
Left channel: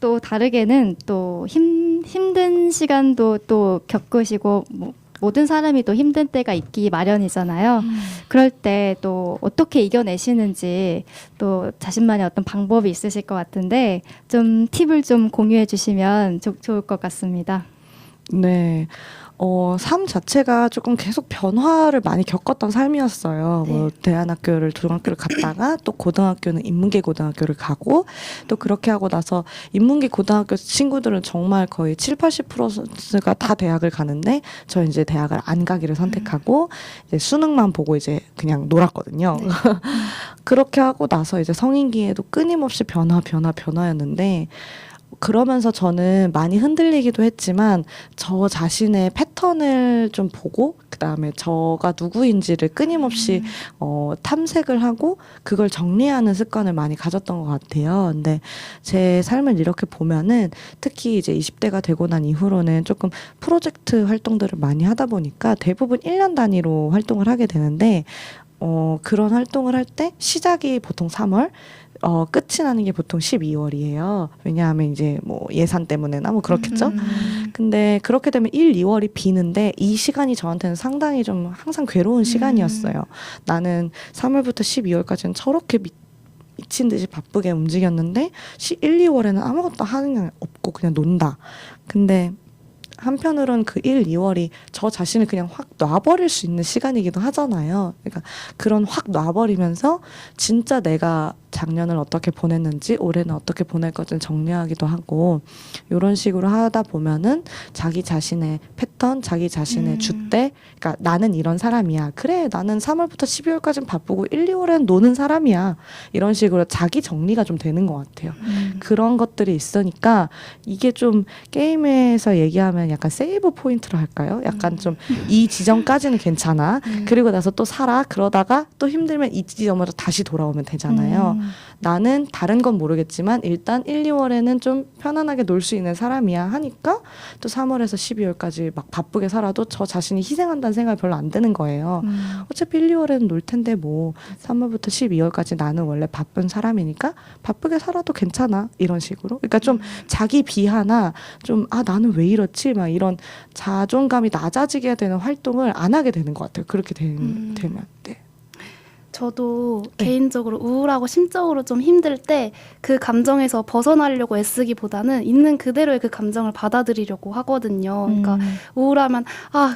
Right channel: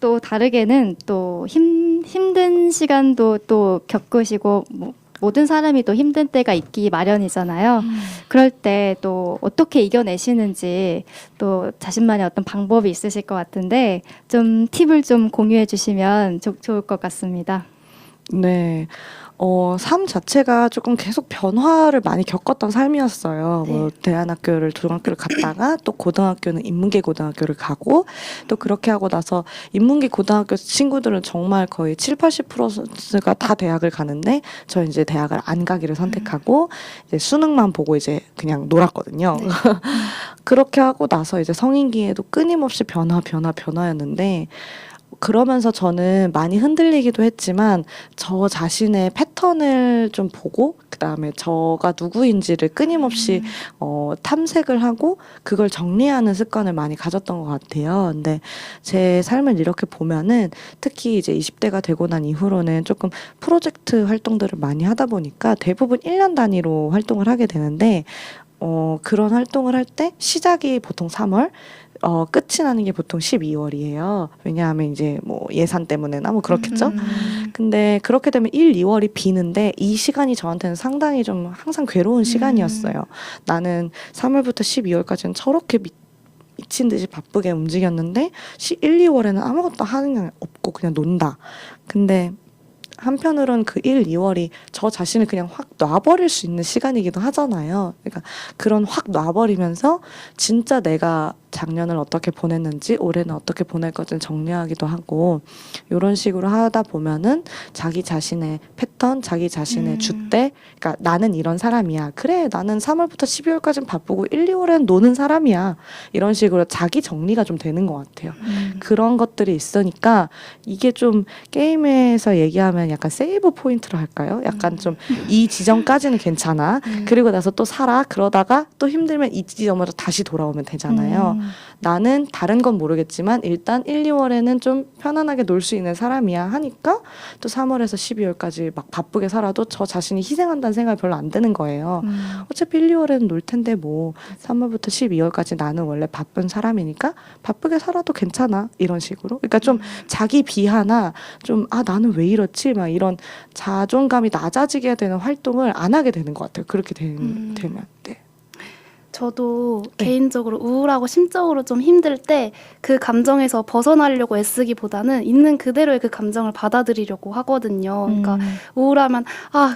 또 다르게는 또 힘든 시간도 또 겪으시고, 모든 사람이 또 힘든 때가 있기 마련이잖아요. 그럴 때 또 어떻게 이겨내시는지 또 자신만의 어떤 방법이 있으실 것 같은데, 좀 팁을 좀 공유해 주시면 좋을 것 같습니다. 네. 삶 자체가 조금 계속 변화를 많이 겪었던 삶이었어요. 뭐 대안학교를 중학교를 갔다가 또 고등학교는 인문계 고등학교를 가고, 또 그렇게 하고 나서 인문계 고등학교 친구들은 정말 거의 70-80%가 다 대학을 가는데, 저 이제 대학을 안 가기를 선택하고 이제 수능만 보고 이제 그냥 놀았거든요. 네. 그렇게 하고 나서 이제 성인기에도 끊임없이 변화였는데, 그러면서 저는 많이 흔들리기도 했지만 저 자신의 패턴을 좀 보고 그다음에 저가 누구인지를 끊임없이 탐색을 하고 그걸 정리하는 습관을 많이 가졌던 것 같아요. 근데 제 삶을 이렇게 보면은 특히 이제 20대가 되고 난 이후로는 조금 프로젝트 활동들을 많이 하다 보니까 대부분 1년 단위로 활동을 하게 되는데 그런 활동을 할 때 시작이 보통 3월, 끝이 나는 게 보통 12월이에요. 왜냐하면 이제 뭐 예산 때문에나 뭐 그렇겠죠. 근데 그렇게 되면 1, 2월이 비는데 이 시간이 저한테는 상당히 좀 항상 괴로운 시간이었어요. 나는 3월부터 12월까지는 저렇게 미친 듯이 바쁘게 움직였는데 1, 2월에는 아무것도 하는 게 없고 그냥 논다. 근데 한편으로는 그 1, 2월이 저 자신을 그냥 확 놔버릴 수 있는 시간이기도 하잖아요. 그러니까 그런 확 놔버리면서 진짜 내가 작년을 어떻게 보냈는지 올해는 어떻게 보낼 것을 정리하기도 하고 이런 식으로 하다 보면은 자기 자신의 패턴, 자기 자신의 주대, 그러니까 나는 이런 사람이야. 그래, 나는 3월부터 12월까지는 바쁘고 1, 2월에는 노는 사람이야. 이런 식으로 자기 정리가 좀 되는 것 같아요. 그런 것들이 있으니까 이게 좀 게임에서 얘기하면 약간 세이브 포인트로 할까요? 약간 좀 이 지점까지는 괜찮아. 그리고 나서 또 살아. 그러다가 또 힘들면 이 지점으로 다시 돌아오면 되잖아요. 나는 다른 건 모르겠지만 일단 1, 2월에는 좀 편안하게 놀 수 있는 사람이야 하니까 또 3월에서 12월까지 막 바쁘게 살아도 저 자신이 희생한다는 생각이 별로 안 드는 거예요. 어차피 1, 2월에는 놀 텐데 뭐 3월부터 12월까지 나는 원래 바쁜 사람이니까 바쁘게 살아도 괜찮아. 이런 식으로. 그러니까 좀 자기 비하나 좀 나는 왜 이렇지? 막 이런 자존감이 낮아지게 되는 활동을 안 하게 되는 것 같아요. 그렇게 되면. 네. 저도 개인적으로 우울하고 심적으로 좀 힘들 때 그 감정에서 벗어나려고 애쓰기보다는 있는 그대로의 그 감정을 받아들이려고 하거든요. 그러니까 우울하면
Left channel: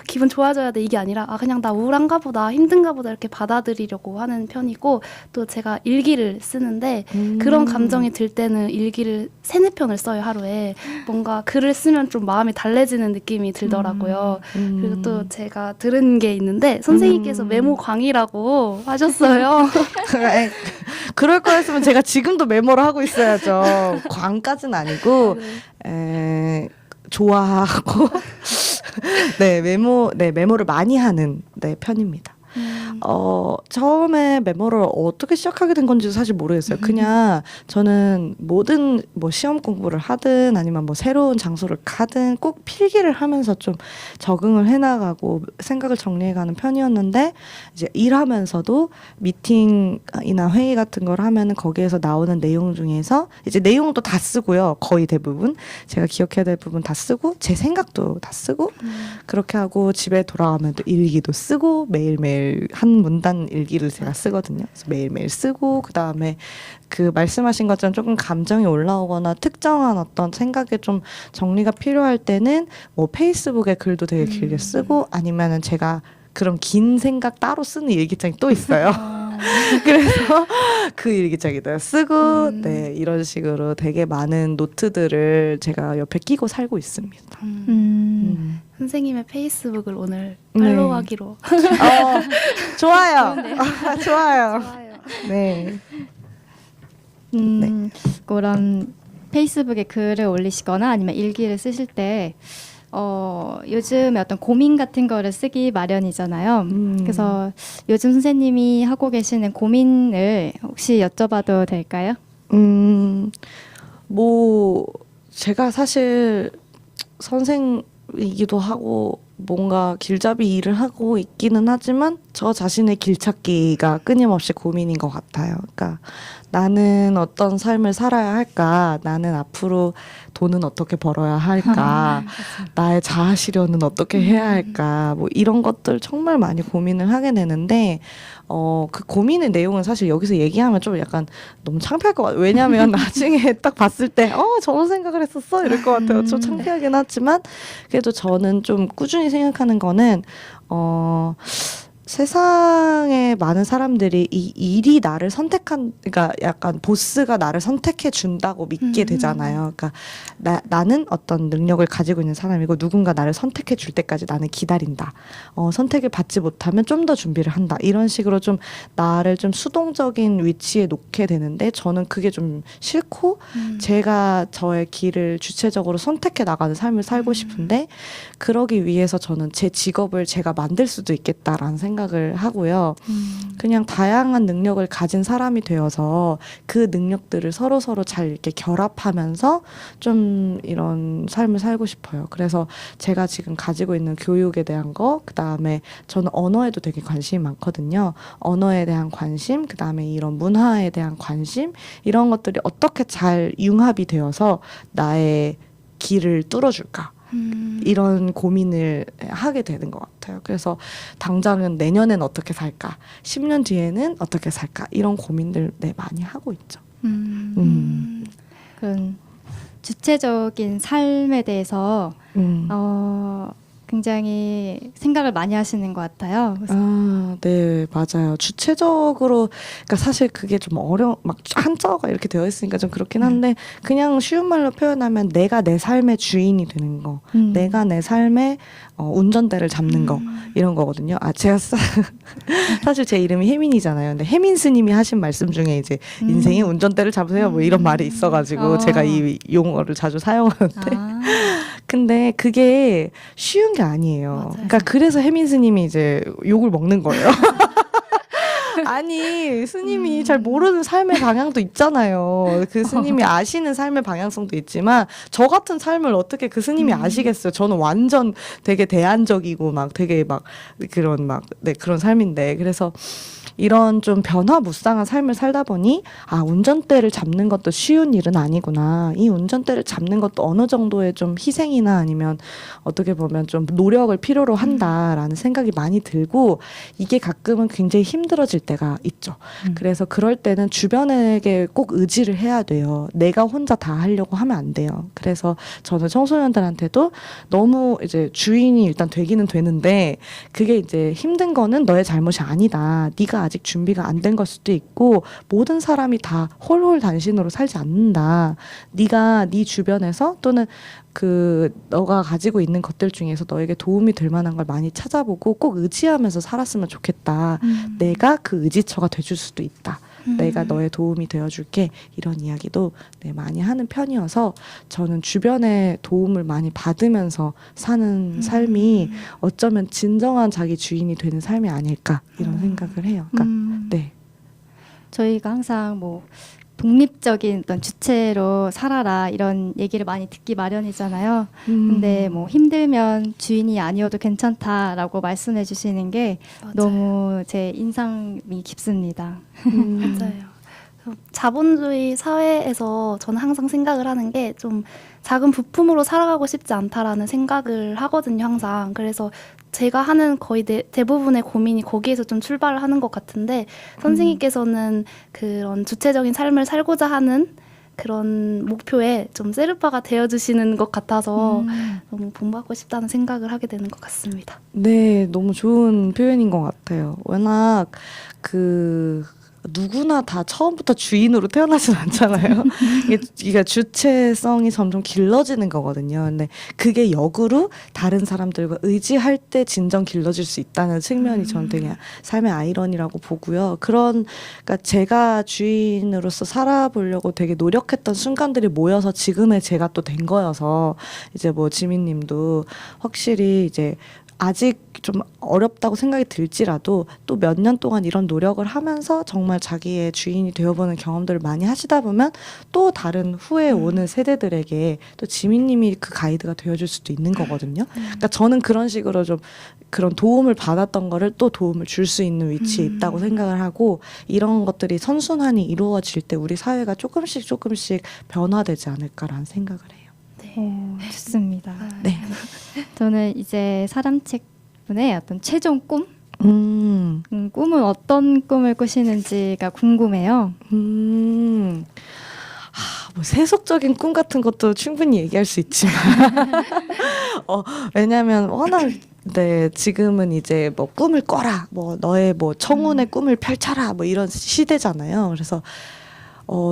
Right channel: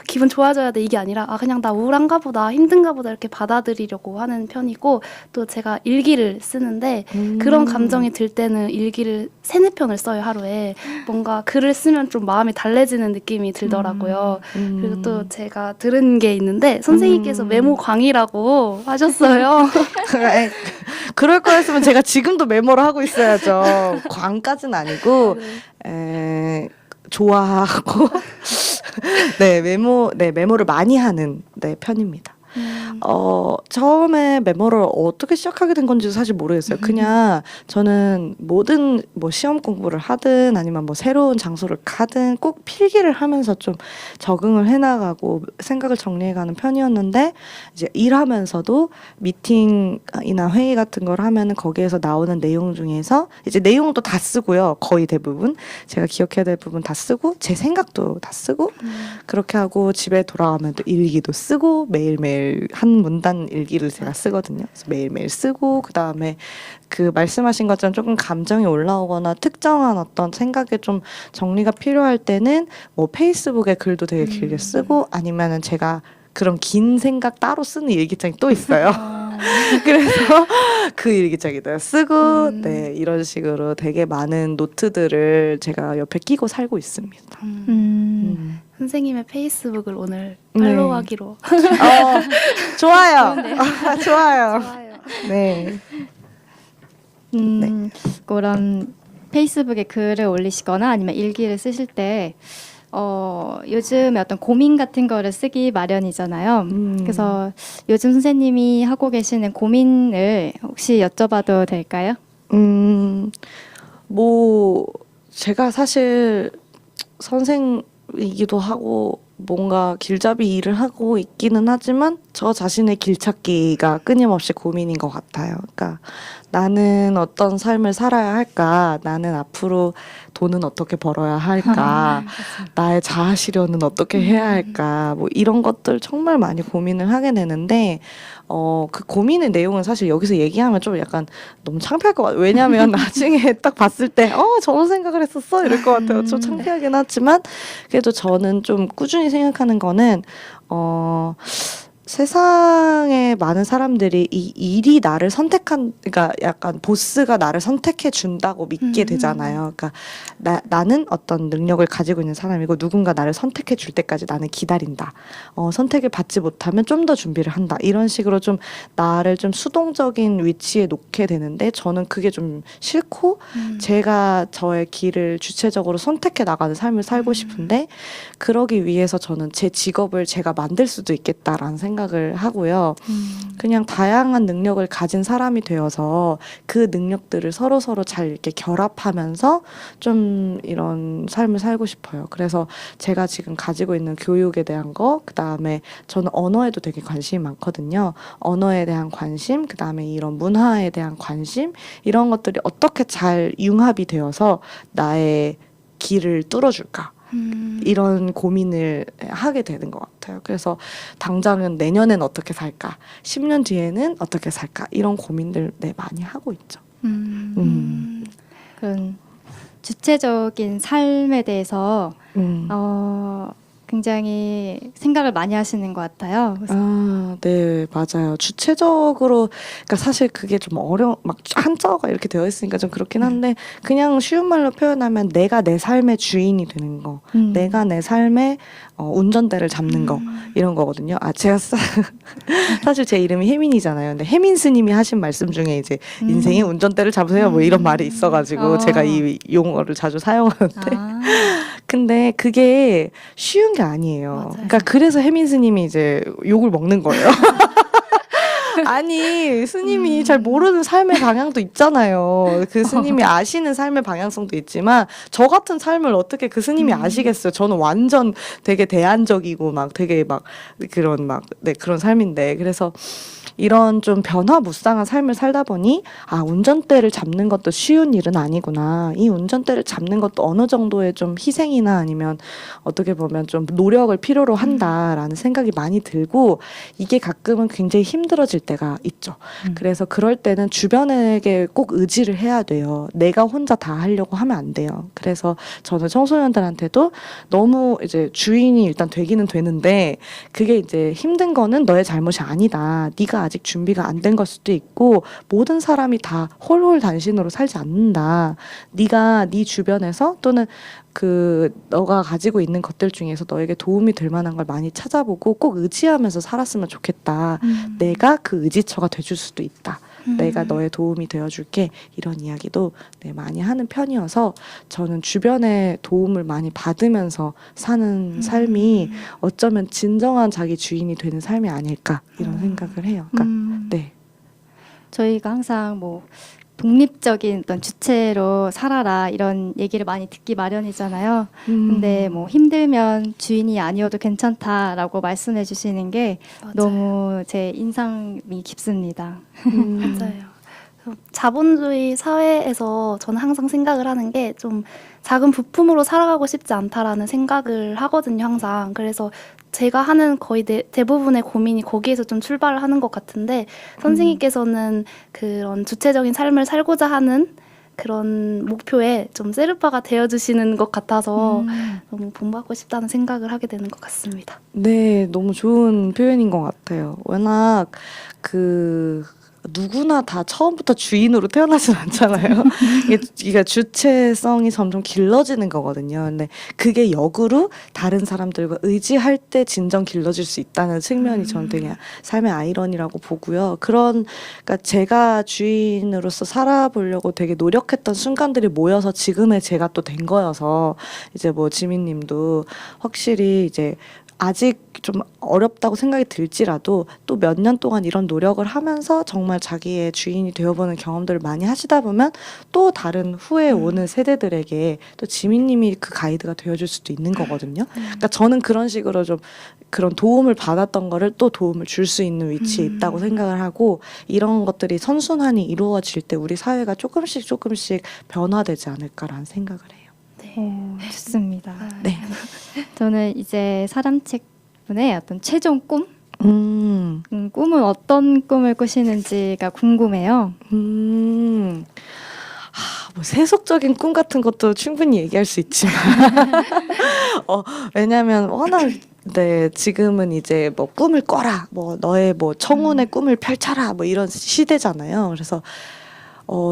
기분 좋아져야 돼 이게 아니라 그냥 나 우울한가 보다 힘든가 보다 이렇게 받아들이려고 하는 편이고 또 제가 일기를 쓰는데 그런 감정이 들 때는 일기를 3-4편을 써요 하루에. 뭔가 글을 쓰면 좀 마음이 달래지는 느낌이 들더라고요. 그리고 또 제가 들은 게 있는데 선생님께서 메모 광이라고 하셨어요. 그럴 거였으면 제가 지금도 메모를 하고 있어야죠. 광까지는 아니고 좋아하고 메모를 많이 하는 편입니다. 처음에 메모를 어떻게 시작하게 된 건지 사실 모르겠어요. 그냥 저는 모든 시험 공부를 하든 아니면 새로운 장소를 가든 꼭 필기를 하면서 좀 적응을 해나가고 생각을 정리해가는 편이었는데 이제 일하면서도 미팅이나 회의 같은 걸 하면은 거기에서 나오는 내용 중에서 이제 내용도 다 쓰고요. 거의 대부분 제가 기억해야 될 부분 다 쓰고 제 생각도 다 쓰고 그렇게 하고 집에 돌아가면 또 일기도 쓰고 매일매일 한 문단 일기를 제가 쓰거든요. 그래서 매일매일 쓰고 그다음에 그 말씀하신 것처럼 조금 감정이 올라오거나 특정한 어떤 생각에 좀 정리가 필요할 때는 페이스북에 글도 되게 길게 쓰고 아니면은 제가 그런 긴 생각 따로 쓰는 일기장이 또 있어요. 그래서 그 일기장에다 쓰고 이런 식으로 되게 많은 노트들을 제가 옆에 끼고 살고 있습니다. 선생님의 페이스북을 오늘 팔로우하기로. 좋아요. 좋아요. 좋아요. 네. 그런 페이스북에 글을 올리시거나 아니면 일기를 쓰실 때 요즘에 어떤 고민 같은 거를 쓰기 마련이잖아요. 그래서 요즘 선생님이 하고 계시는 고민을 혹시 여쭤봐도 될까요? 제가 사실 선생이기도 하고 뭔가 길잡이 일을 하고 있기는 하지만 저 자신의 길찾기가 끊임없이 고민인 것 같아요. 그러니까 나는 어떤 삶을 살아야 할까? 나는 앞으로 돈은 어떻게 벌어야 할까? 나의 자아 실현은 어떻게 해야 할까? 이런 것들 정말 많이 고민을 하게 되는데 그 고민의 내용은 사실 여기서 얘기하면 좀 약간 너무 창피할 것 같아요. 왜냐하면 나중에 딱 봤을 때 저런 생각을 했었어? 이럴 것 같아요. 좀 창피하긴 하지만 그래도 저는 좀 꾸준히 생각하는 거는 세상에 많은 사람들이 이 일이 나를 그러니까 약간 보스가 나를 선택해 준다고 믿게 되잖아요. 그러니까 나는 어떤 능력을 가지고 있는 사람이고 누군가 나를 선택해 줄 때까지 나는 기다린다. 선택을 받지 못하면 좀 더 준비를 한다. 이런 식으로 좀 나를 좀 수동적인 위치에 놓게 되는데 저는 그게 좀 싫고 제가 저의 길을 주체적으로 선택해 나가는 삶을 살고 싶은데 그러기 위해서 저는 제 직업을 제가 만들 수도 있겠다라는 생각을 하고요. 그냥 다양한 능력을 가진 사람이 되어서 그 능력들을 서로서로 잘 이렇게 결합하면서 좀 이런 삶을 살고 싶어요. 그래서 제가 지금 가지고 있는 교육에 대한 거, 그 다음에 저는 언어에도 되게 관심이 많거든요. 언어에 대한 관심, 그 다음에 이런 문화에 대한 관심, 이런 것들이 어떻게 잘 융합이 되어서 나의 길을 뚫어줄까? 이런 고민을 하게 되는 것 같아요. 그래서 당장은 내년엔 어떻게 살까? 10년 뒤에는 어떻게 살까? 이런 고민들 많이 하고 있죠. 그런 주체적인 삶에 대해서 굉장히 생각을 많이 하시는 것 같아요. 그래서 네, 맞아요. 주체적으로, 그러니까 사실 그게 좀 막 한자어가 이렇게 되어 있으니까 좀 그렇긴 한데, 그냥 쉬운 말로 표현하면 내가 내 삶의 주인이 되는 거, 내가 내 삶의 운전대를 잡는 거, 이런 거거든요. 제가 사실 제 이름이 혜민이잖아요. 근데 혜민 스님이 하신 말씀 중에 이제 인생의 운전대를 잡으세요. 뭐 이런 말이 있어가지고 제가 이 용어를 자주 사용하는데. 근데 그게 쉬운 게 아니에요. 맞아요. 그러니까 그래서 혜민 스님이 이제 욕을 먹는 거예요. 아니, 스님이 잘 모르는 삶의 방향도 있잖아요. 그 스님이 아시는 삶의 방향성도 있지만 저 같은 삶을 어떻게 그 스님이 아시겠어요. 저는 완전 되게 대안적이고 막 되게 막 그런 삶인데. 그래서 이런 좀 변화무쌍한 삶을 살다 보니 운전대를 잡는 것도 쉬운 일은 아니구나. 이 운전대를 잡는 것도 어느 정도의 좀 희생이나 아니면 어떻게 보면 좀 노력을 필요로 한다라는 생각이 많이 들고 이게 가끔은 굉장히 힘들어질 때가 있죠. 그래서 그럴 때는 주변에게 꼭 의지를 해야 돼요. 내가 혼자 다 하려고 하면 안 돼요. 그래서 저는 청소년들한테도 너무 이제 주인이 일단 되기는 되는데 그게 이제 힘든 거는 너의 잘못이 아니다. 네가 아직 준비가 안 된 걸 수도 있고 모든 사람이 다 홀홀단신으로 살지 않는다. 네가 네 주변에서 또는 너가 가지고 있는 것들 중에서 너에게 도움이 될 만한 걸 많이 찾아보고 꼭 의지하면서 살았으면 좋겠다. 내가 그 의지처가 돼줄 수도 있다. 내가 너의 도움이 되어줄게. 이런 이야기도 많이 하는 편이어서 저는 주변의 도움을 많이 받으면서 사는 삶이 어쩌면 진정한 자기 주인이 되는 삶이 아닐까 이런 생각을 해요. 그러니까 네. 저희가 항상 뭐 독립적인 어떤 주체로 살아라 이런 얘기를 많이 듣기 마련이잖아요. 근데 뭐 힘들면 주인이 아니어도 괜찮다라고 말씀해 주시는 게 맞아요. 너무 제 인상이 깊습니다. 맞아요. 자본주의 사회에서 저는 항상 생각을 하는 게 좀 작은 부품으로 살아가고 싶지 않다라는 생각을 하거든요, 항상. 그래서 제가 하는 거의 대부분의 고민이 거기에서 좀 출발을 하는 것 같은데 선생님께서는 그런 주체적인 삶을 살고자 하는 그런 목표에 좀 세르파가 되어주시는 것 같아서 너무 본받고 싶다는 생각을 하게 되는 것 같습니다. 네, 너무 좋은 표현인 것 같아요. 워낙 누구나 다 처음부터 주인으로 태어나진 않잖아요. 이게 주체성이 점점 길러지는 거거든요. 근데 그게 역으로 다른 사람들과 의지할 때 진정 길러질 수 있다는 측면이 저는 되게 삶의 아이러니라고 보고요. 그러니까 제가 주인으로서 살아보려고 되게 노력했던 순간들이 모여서 지금의 제가 또 된 거여서 이제 뭐 지민님도 확실히 이제 아직 좀 어렵다고 생각이 들지라도 또 몇 년 동안 이런 노력을 하면서 정말 자기의 주인이 되어보는 경험들을 많이 하시다 보면 또 다른 후에 오는 세대들에게 또 지민님이 그 가이드가 되어줄 수도 있는 거거든요. 그러니까 저는 그런 식으로 좀 그런 도움을 받았던 거를 또 도움을 줄 수 있는 위치에 있다고 생각을 하고 이런 것들이 선순환이 이루어질 때 우리 사회가 조금씩 변화되지 않을까라는 생각을 해요. 좋습니다. 네. 저는 이제 사람책분의 어떤 최종 꿈? 꿈은 어떤 꿈을 꾸시는지가 궁금해요. 뭐 세속적인 꿈 같은 것도 충분히 얘기할 수 있지만 왜냐하면 워낙 네, 지금은 이제 뭐 꿈을 꿔라, 뭐 너의 뭐 청운의 꿈을 펼쳐라, 뭐 이런 시대잖아요. 그래서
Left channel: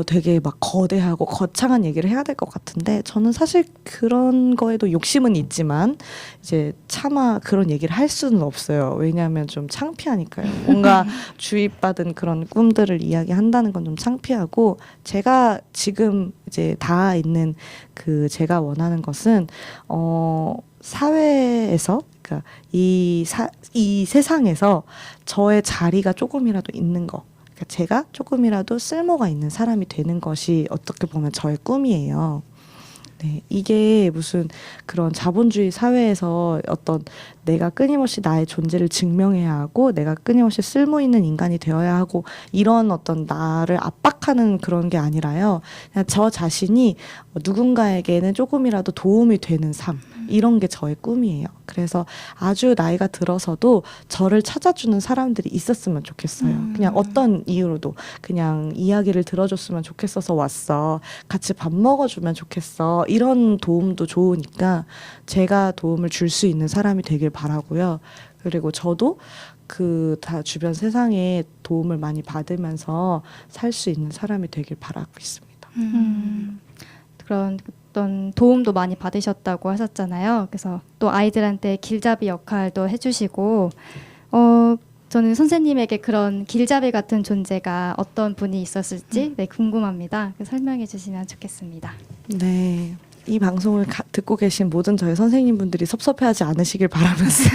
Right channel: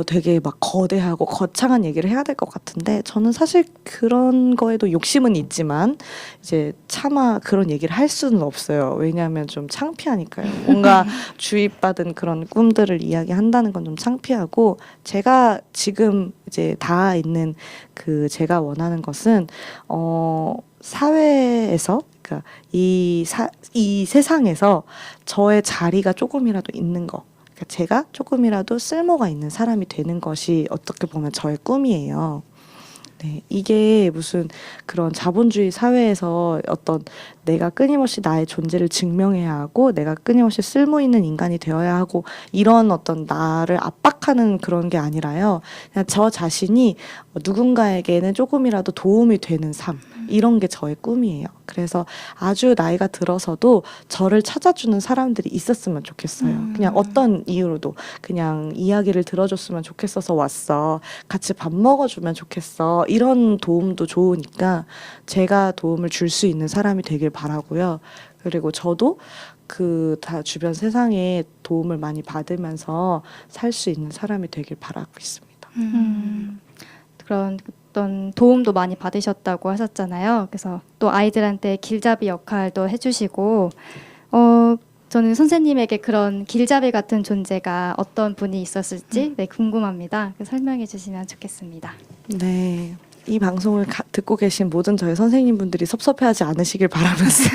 되게 막 거대하고 거창한 얘기를 해야 될 것 같은데 저는 사실 그런 거에도 욕심은 있지만 이제 차마 그런 얘기를 할 수는 없어요. 왜냐하면 좀 창피하니까요. 뭔가 주입받은 그런 꿈들을 이야기한다는 건 좀 창피하고 제가 지금 이제 닿아 있는 그 제가 원하는 것은 사회에서 그러니까 이 세상에서 저의 자리가 조금이라도 있는 거. 그러니까 제가 조금이라도 쓸모가 있는 사람이 되는 것이 어떻게 보면 저의 꿈이에요. 네, 이게 무슨 그런 자본주의 사회에서 어떤 내가 끊임없이 나의 존재를 증명해야 하고 내가 끊임없이 쓸모 있는 인간이 되어야 하고 이런 어떤 나를 압박하는 그런 게 아니라요. 그냥 저 자신이 누군가에게는 조금이라도 도움이 되는 삶 이런 게 저의 꿈이에요. 그래서 아주 나이가 들어서도 저를 찾아주는 사람들이 있었으면 좋겠어요. 그냥 어떤 이유로도 그냥 이야기를 들어줬으면 좋겠어서 왔어. 같이 밥 먹어주면 좋겠어. 이런 도움도 좋으니까 제가 도움을 줄 수 있는 사람이 되길 바라고요. 그리고 저도 그 다 주변 세상에 도움을 많이 받으면서 살 수 있는 사람이 되길 바라고 있습니다. 그런 어떤 도움도 많이 받으셨다고 하셨잖아요. 그래서 또 아이들한테 길잡이 역할도 해주시고, 저는 선생님에게 그런 길잡이 같은 존재가 어떤 분이 있었을지 네, 궁금합니다. 설명해 주시면 좋겠습니다. 네. 이 방송을 듣고 계신 모든 저희 선생님분들이 섭섭해하지 않으시길 바라면서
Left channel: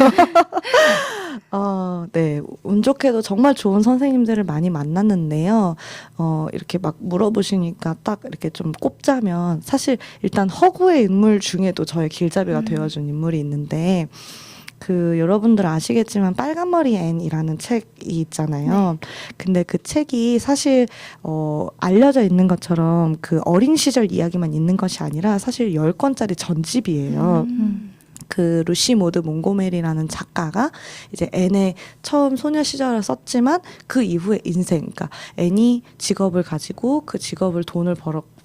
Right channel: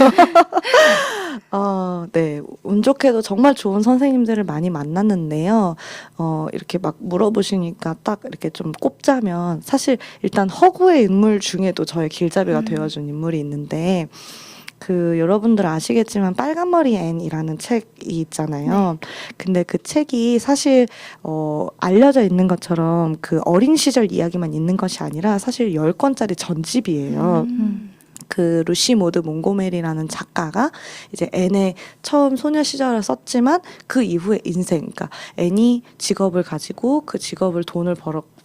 네. 운 좋게도 정말 좋은 선생님들을 많이 만났는데요. 이렇게 막 물어보시니까 딱 이렇게 좀 꼽자면 사실 일단 허구의 인물 중에도 저의 길잡이가 되어준 인물이 있는데 그 여러분들 아시겠지만 빨간머리 앤이라는 책이 있잖아요. 근데 그 책이 사실 알려져 있는 것처럼 그 어린 시절 이야기만 있는 것이 아니라 사실 10권짜리 전집이에요. 그 루시 모드 몽고메리라는 작가가 이제 앤의 처음 소녀 시절을 썼지만 그 이후의 인생, 그러니까 앤이 직업을 가지고 그 직업을 돈을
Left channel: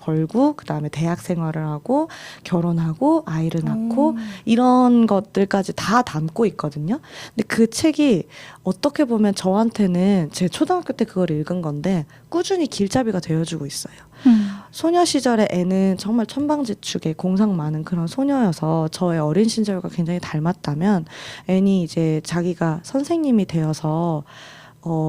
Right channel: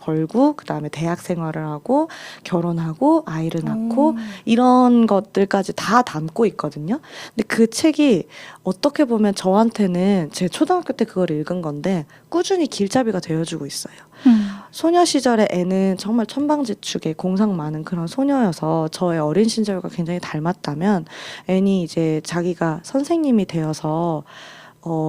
벌고 그 다음에 대학 생활을 하고 결혼하고 아이를 낳고 이런 것들까지 다 담고 있거든요. 근데 그 책이 어떻게 보면 저한테는 제 초등학교 때 그걸 읽은 건데 꾸준히 길잡이가 되어주고 있어요. 소녀 시절의 애는 정말 천방지축에 공상 많은 그런 소녀여서 저의 어린 시절과 굉장히 닮았다면 애니 이제 자기가 선생님이 되어서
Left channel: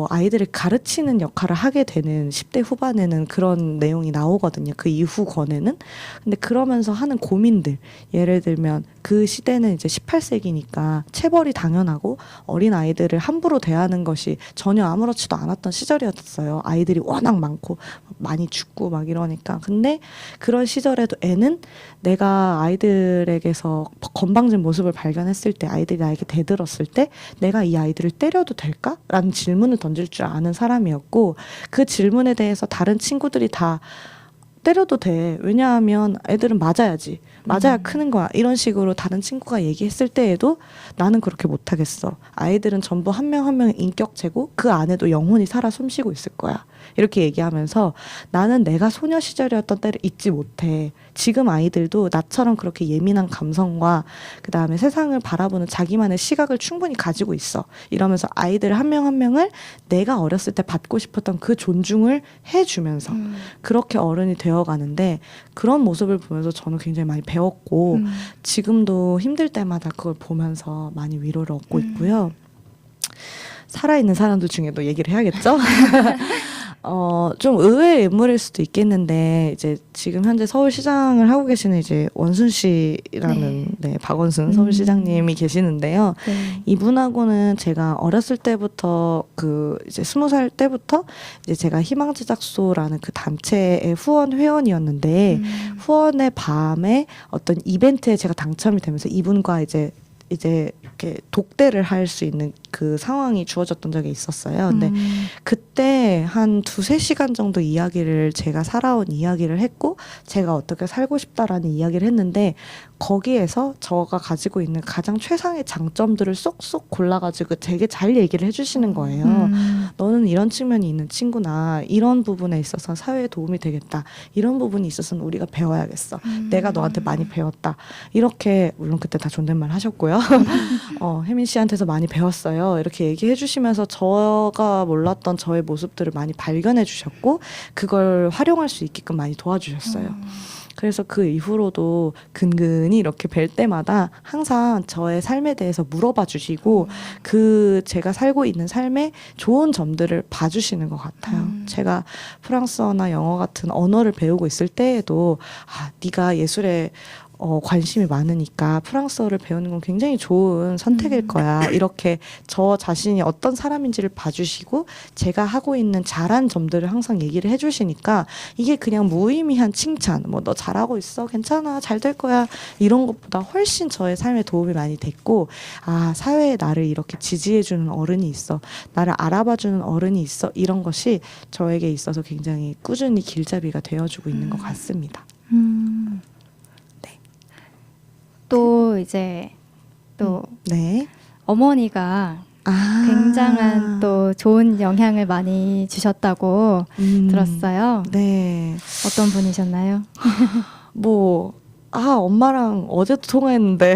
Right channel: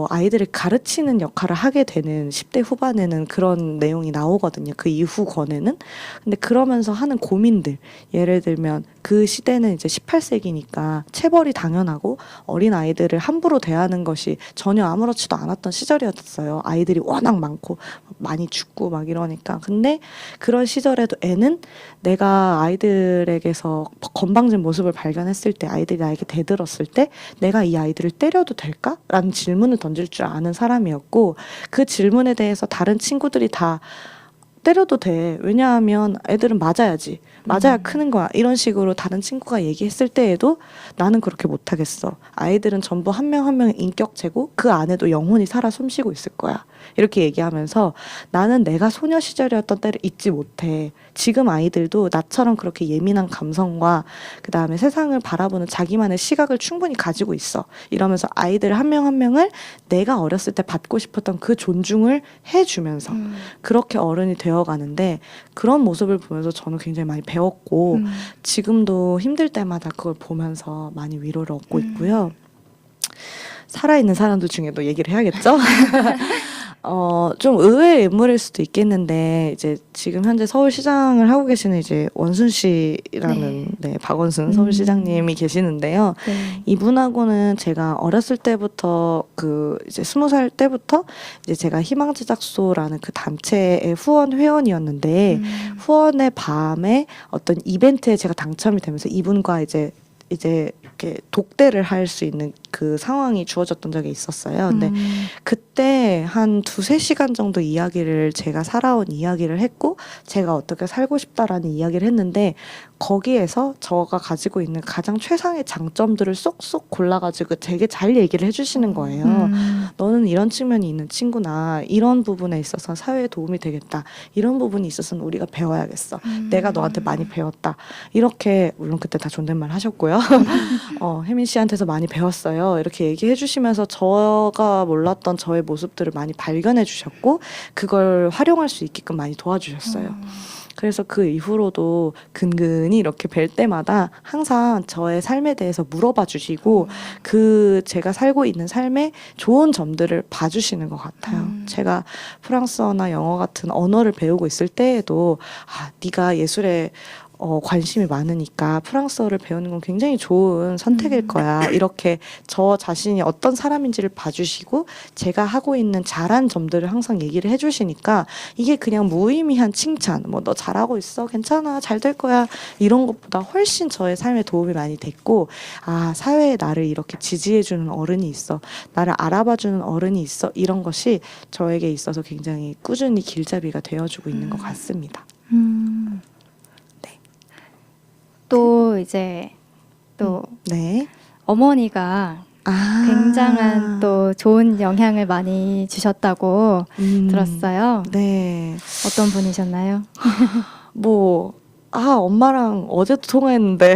아이들을 가르치는 역할을 하게 되는 10대 후반에는 그런 내용이 나오거든요. 그 이후 권에는. 근데 그러면서 하는 고민들. 예를 들면 그 시대는 이제 18세기니까 체벌이 당연하고 어린 아이들을 함부로 대하는 것이 전혀 아무렇지도 않았던 시절이었어요. 아이들이 워낙 많고 많이 죽고 막 이러니까. 근데 그런 시절에도 애는 내가 아이들에게서 건방진 모습을 발견했을 때 아이들이 나에게 대들었을 때 내가 이 아이들을 때려도 될까? 라는 질문을 던질 줄 아는 사람이었고 그 질문에 대해서 다른 친구들이 다 때려도 돼. 왜냐하면 애들은 맞아야지. 맞아야 크는 거야. 이런 식으로 다른 친구가 얘기했을 때에도 나는 그렇게 못하겠어. 아이들은 전부 한 명 한 명의 인격체고 그 안에도 영혼이 살아 숨쉬고 있을 거야. 이렇게 얘기하면서 나는 내가 소녀 시절이었던 때를 잊지 못해. 지금 아이들도 나처럼 그렇게 예민한 감성과 그 다음에 세상을 바라보는 자기만의 시각을 충분히 가지고 있어. 이러면서 아이들 한 명 한 명을 내가 어렸을 때 받고 싶었던 그 존중을 해주면서 그렇게 어른이 되어가는데 그런 모습을 보면서 저는 굉장히 많이 배웠고 지금도 힘들 때마다 그걸 보면서 많이 위로를 얻고 있고요. 살아있는 사람들 중에도 얘기를 해야겠죠? 좀 의외의 인물일 수도 있겠는데 이제 지금 현재 서울시장을 하고 계시는 이제 원순 씨라는 네, 박원순 서울시장님이 계시는데요. 네. 이분하고는 제가 어렸을 때부터 그 이제 20살 때부터 이제 제가 희망제작소라는 그 단체의 후원 회원이었는데 후원의 밤에 어떤 이벤트에 제가 당첨이 되면서 이분과 이제 이렇게 독대를 할 수 있는 그 상황이 주어졌던 적이 있었어요. 근데 그때 한 2-3시간 정도 이야기를 제가 살아온 이야기를 했고 제가 어떻게 살고 싶다라는 이야기를 했는데 거기에서 저가 가지고 있는 가장 최상의 장점들을 쏙쏙 골라가지고 되게 잘 얘기를 해주시는 거예요. 너는 이런 측면이 있는 친구나 이런 부분에 있어서 사회에 도움이 되겠다. 이런 부분이 있어서는 우리가 배워야겠어. 내가 너한테 많이 배웠다. 이렇게 물론 그때 다 존댓말 하셨고요. 혜민 씨한테서 많이 배웠어요. 이렇게 얘기해 주시면서 저가 몰랐던 저의 모습들을 많이 발견해 주셨고 그걸 활용할 수 있게끔 많이 도와주셨어요. 그래서 그 이후로도 근근히 이렇게 뵐 때마다 항상 저의 삶에 대해서 물어봐 주시고 그 제가 살고 있는 삶의 좋은 점들을 봐주시는 것 같아요. 제가 프랑스어나 영어 같은 언어를 배우고 있을 때에도 네가 예술에 관심이 많으니까 프랑스어를 배우는 건 굉장히 좋은 선택일 거야. 이렇게 저 자신이 어떤 사람인지를 봐주시고 제가 하고 있는 잘한 점들을 항상 얘기를 해주시니까 이게 그냥 무의미한 칭찬, 뭐 너 잘하고 있어, 괜찮아, 잘 될 거야 이런 것보다 훨씬 저의 삶에 도움이 많이 됐고 사회에 나를 이렇게 지지해주는 어른이 있어, 나를 알아봐주는 어른이 있어 이런 것이 저에게 있어서 굉장히 꾸준히 길잡이가 되어주고 있는 것 같습니다. 또 이제 또 네. 어머니가 굉장한 또 좋은 영향을 많이 주셨다고 들었어요. 네. 어떤 분이셨나요? 엄마랑 어제도 통화했는데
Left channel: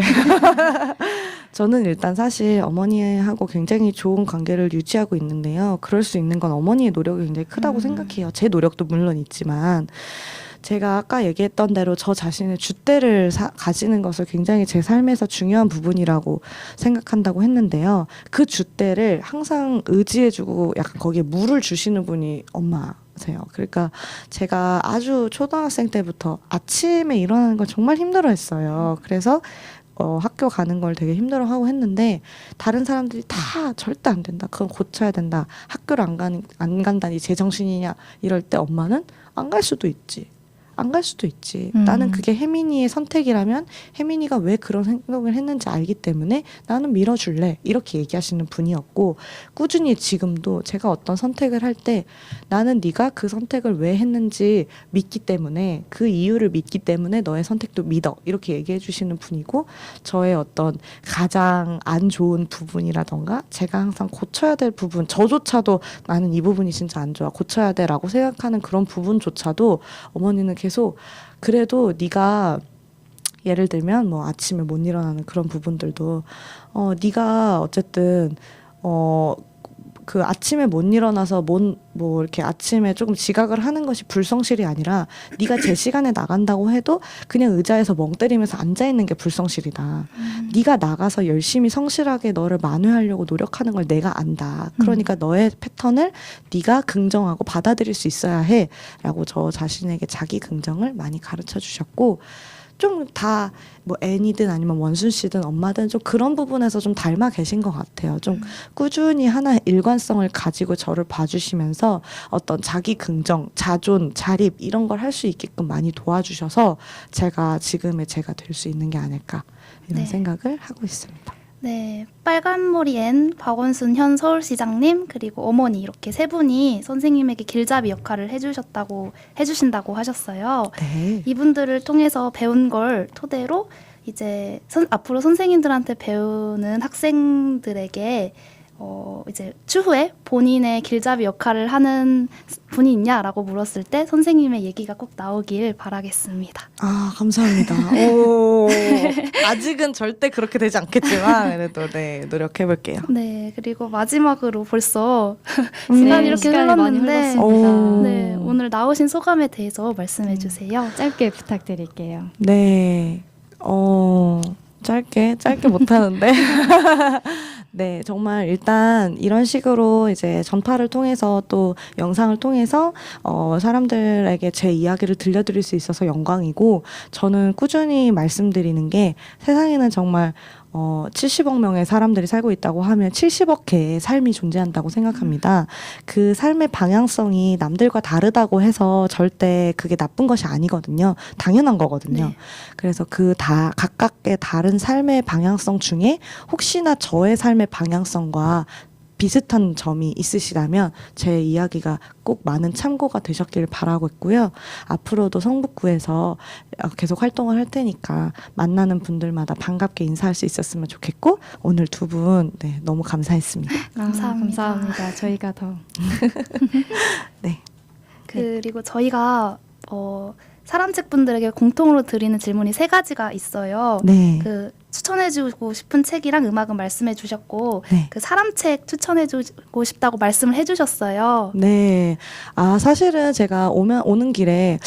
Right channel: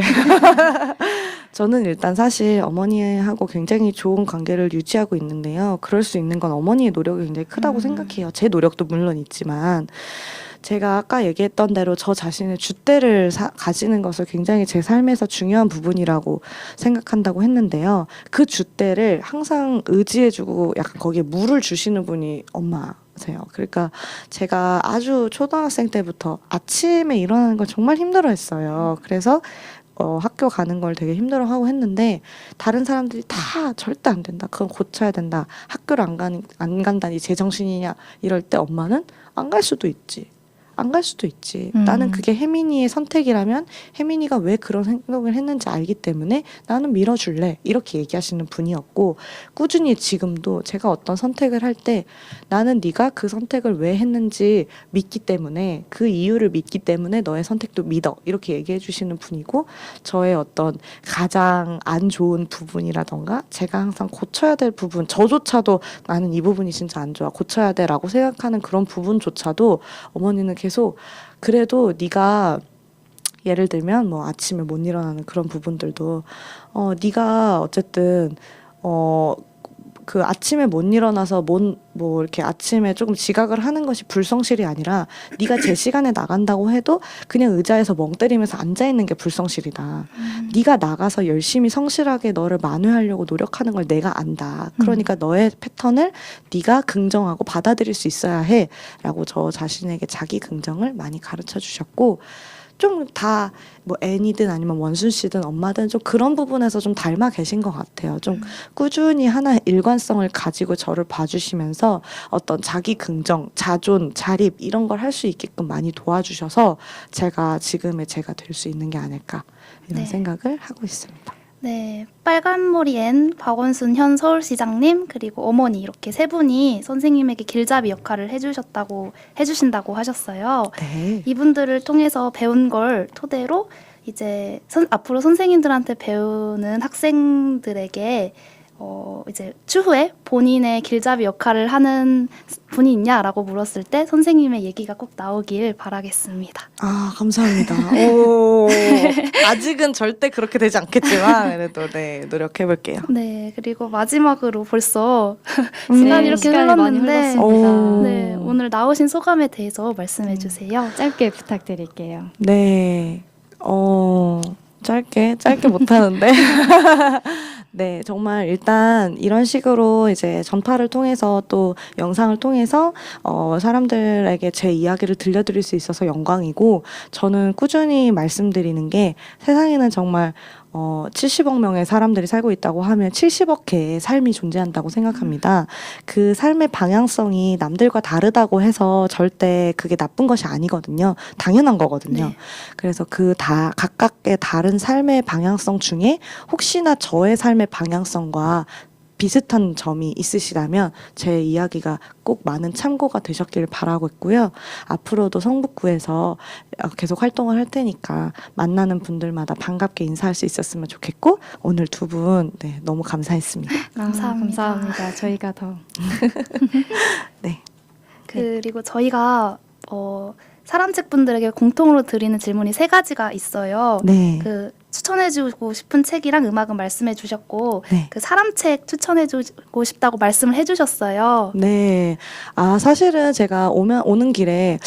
저는 일단 사실 어머니하고 굉장히 좋은 관계를 유지하고 있는데요. 그럴 수 있는 건 어머니의 노력이 굉장히 크다고 생각해요. 제 노력도 물론 있지만 제가 아까 얘기했던 대로 저 자신의 줏대를 가지는 것을 굉장히 제 삶에서 중요한 부분이라고 생각한다고 했는데요. 그 줏대를 항상 의지해주고 약간 거기에 물을 주시는 분이 엄마세요. 그러니까 제가 아주 초등학생 때부터 아침에 일어나는 걸 정말 힘들어했어요. 그래서 학교 가는 걸 되게 힘들어하고 했는데 다른 사람들이 다 절대 안 된다. 그건 고쳐야 된다. 학교를 안 간다니 제정신이냐 이럴 때 엄마는 안 갈 수도 있지. 안 갈 수도 있지. 나는 그게 혜민이의 선택이라면 혜민이가 왜 그런 생각을 했는지 알기 때문에 나는 밀어줄래. 이렇게 얘기하시는 분이었고 꾸준히 지금도 제가 어떤 선택을 할 때 나는 네가 그 선택을 왜 했는지 믿기 때문에 그 이유를 믿기 때문에 너의 선택도 믿어. 이렇게 얘기해 주시는 분이고 저의 어떤 가장 안 좋은 부분이라던가 제가 항상 고쳐야 될 부분 저조차도 나는 이 부분이 진짜 안 좋아. 고쳐야 돼 라고 생각하는 그런 부분조차도 어머니는 계속 그래도 네가 예를 들면 뭐 아침에 못 일어나는 그런 부분들도 네가 어쨌든 그 아침에 못 일어나서 뭐 이렇게 아침에 조금 지각을 하는 것이 불성실이 아니라 네가 제 시간에 나간다고 해도 그냥 의자에서 멍 때리면서 앉아 있는 게 불성실이다. 네가 나가서 열심히 성실하게 너를 만회하려고 노력하는 걸 내가 안다. 그러니까 너의 패턴을 네가 긍정하고 받아들일 수 있어야 해라고 저 자신에게 자기 긍정을 많이 가르쳐 주셨고 좀 다 뭐 애니든 아니면 원순 씨든 엄마든 좀 그런 부분에서 좀 닮아 계신 것 같아요. 좀 꾸준히 하나의 일관성을 가지고 저를 봐주시면서 어떤 자기 긍정, 자존, 자립 이런 걸 할 수 있게끔 많이 도와주셔서 제가 지금의 제가 될 수 있는 게 아닐까 이런 생각을 하고 있습니다. 네, 빨간머리엔 박원순 현 서울시장님 그리고 어머니 이렇게 세 분이 선생님에게 길잡이 역할을 해주신다고 하셨어요. 네. 이분들을 통해서 배운 걸 토대로 이제 앞으로 선생님들한테 배우는 학생들에게 이제 추후에 본인의 길잡이 역할을 하는 분이 있냐라고 물었을 때 선생님의 얘기가 꼭 나오길 바라겠습니다. 감사합니다. 오, 아직은 절대 그렇게 되지 않겠지만 그래도 네, 노력해 볼게요. 네, 그리고 마지막으로 벌써 시간이 이렇게 시간이 많이 흘렀는데 흘렀습니다. 네, 오늘 나오신 소감에 대해서 말씀해 주세요. 짧게 부탁드릴게요. 네. 짧게 못하는데. 네, 정말 일단 이런 식으로 이제 전파를 통해서 또 영상을 통해서 사람들에게 제 이야기를 들려드릴 수 있어서 영광이고 저는 꾸준히 말씀드리는 게 세상에는 정말 70억 명의 사람들이 살고 있다고 하면 70억 개의 삶이 존재한다고 생각합니다. 그 삶의 방향성이 남들과 다르다고 해서 절대 그게 나쁜 것이 아니거든요. 당연한 거거든요. 네. 그래서 각각의 다른 삶의 방향성 중에 혹시나 저의 삶의 방향성과 비슷한 점이 있으시다면 제 이야기가 꼭 많은 참고가 되셨길 바라고 있고요. 앞으로도 성북구에서 계속 활동을 할 테니까 만나는 분들마다 반갑게 인사할 수 있었으면 좋겠고 오늘 두 분 네, 너무 감사했습니다. 감사합니다. 감사합니다. 저희가 더 네. 그리고 저희가 사람책 분들에게 공통으로 드리는 질문이 3가지가 있어요. 네. 그 추천해주고 싶은 책이랑 음악은 말씀해주셨고 네. 그 사람책 추천해주고 싶다고 말씀을 해주셨어요. 네. 사실은 제가 오는 길에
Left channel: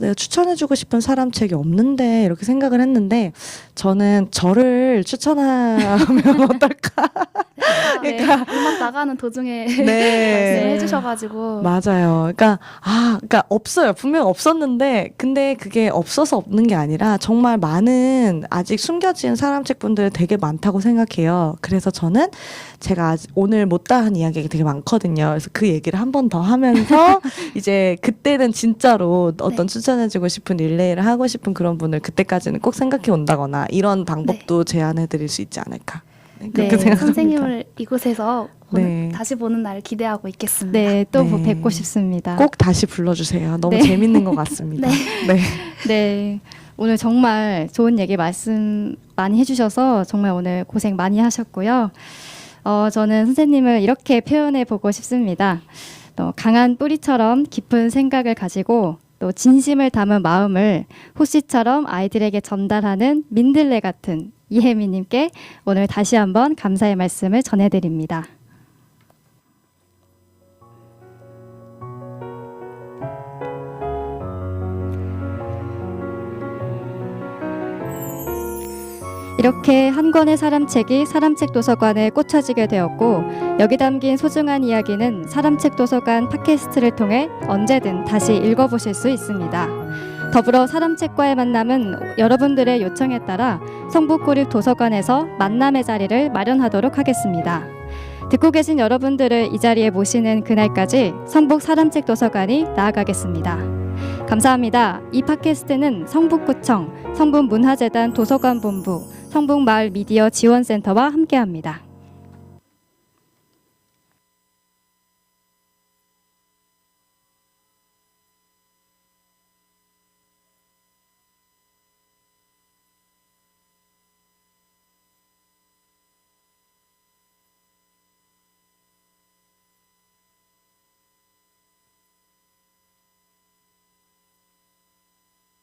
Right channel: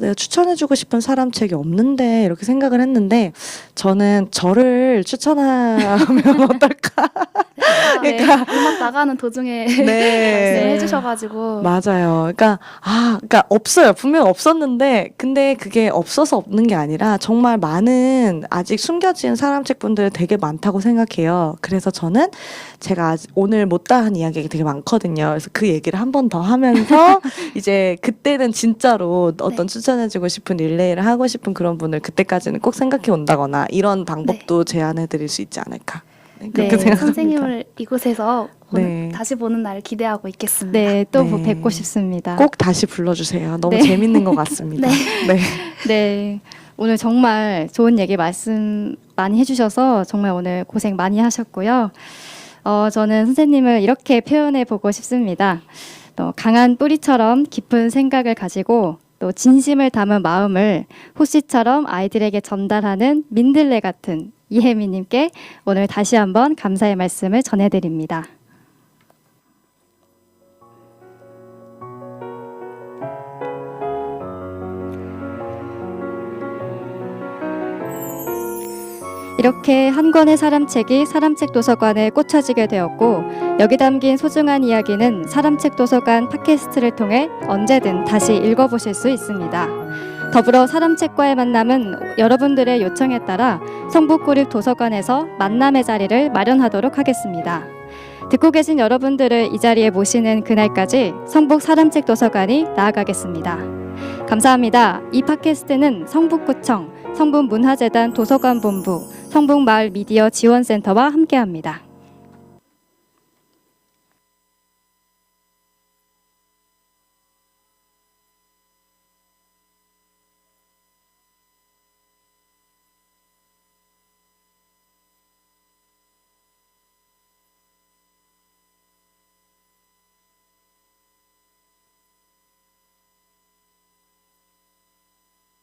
내가 추천해주고 싶은 사람책이 없는데 이렇게 생각을 했는데 저는 저를 추천하면 어떨까? 그러니까 음악 나가는 도중에 네. 말씀을 해주셔가지고 맞아요. 그러니까 없어요. 분명 없었는데, 근데 그게 없어서 없는 게 아니라 정말 많은 아직 숨겨진 사람책 분들 되게 많다고 생각해요. 그래서 저는 제가 오늘 못다한 이야기가 되게 많거든요. 그래서 그 얘기를 한 번 더 하면서 이제 그때는 진짜로 어떤 추천해주고 싶은 릴레이를 하고 싶은 그런 분을 그때까지는 꼭 생각해 온다거나 이런 방법도 제안해 드릴 수 있지 않을까. 네, 그렇게 생각합니다. 선생님을 이곳에서 네. 다시 보는 날을 기대하고 있겠습니다. 네, 또 네. 뵙고 싶습니다. 꼭 다시 불러주세요. 너무 네. 재밌는 것 같습니다. 네. 네, 오늘 정말 좋은 얘기 말씀 많이 해주셔서 정말 오늘 고생 많이 하셨고요. 저는 선생님을 이렇게 표현해 보고 싶습니다. 또 강한 뿌리처럼 깊은 생각을 가지고 또 진심을 담은 마음을 호씨처럼 아이들에게 전달하는 민들레 같은 이혜미님께 오늘 다시 한번 감사의 말씀을 전해드립니다. 이렇게 한 권의 사람책이 사람책 도서관에 꽂혀지게 되었고 여기 담긴 소중한 이야기는 사람책 도서관 팟캐스트를 통해 언제든 다시 읽어보실 수 있습니다. 더불어 사람책과의 만남은 여러분들의 요청에 따라 성북구립도서관에서 만남의 자리를 마련하도록 하겠습니다. 듣고 계신 여러분들을 이 자리에 모시는 그날까지 성북 사람책 도서관이 나아가겠습니다. 감사합니다. 이 팟캐스트는 성북구청, 성북문화재단 도서관본부, 성북마을 미디어 지원센터와 함께합니다.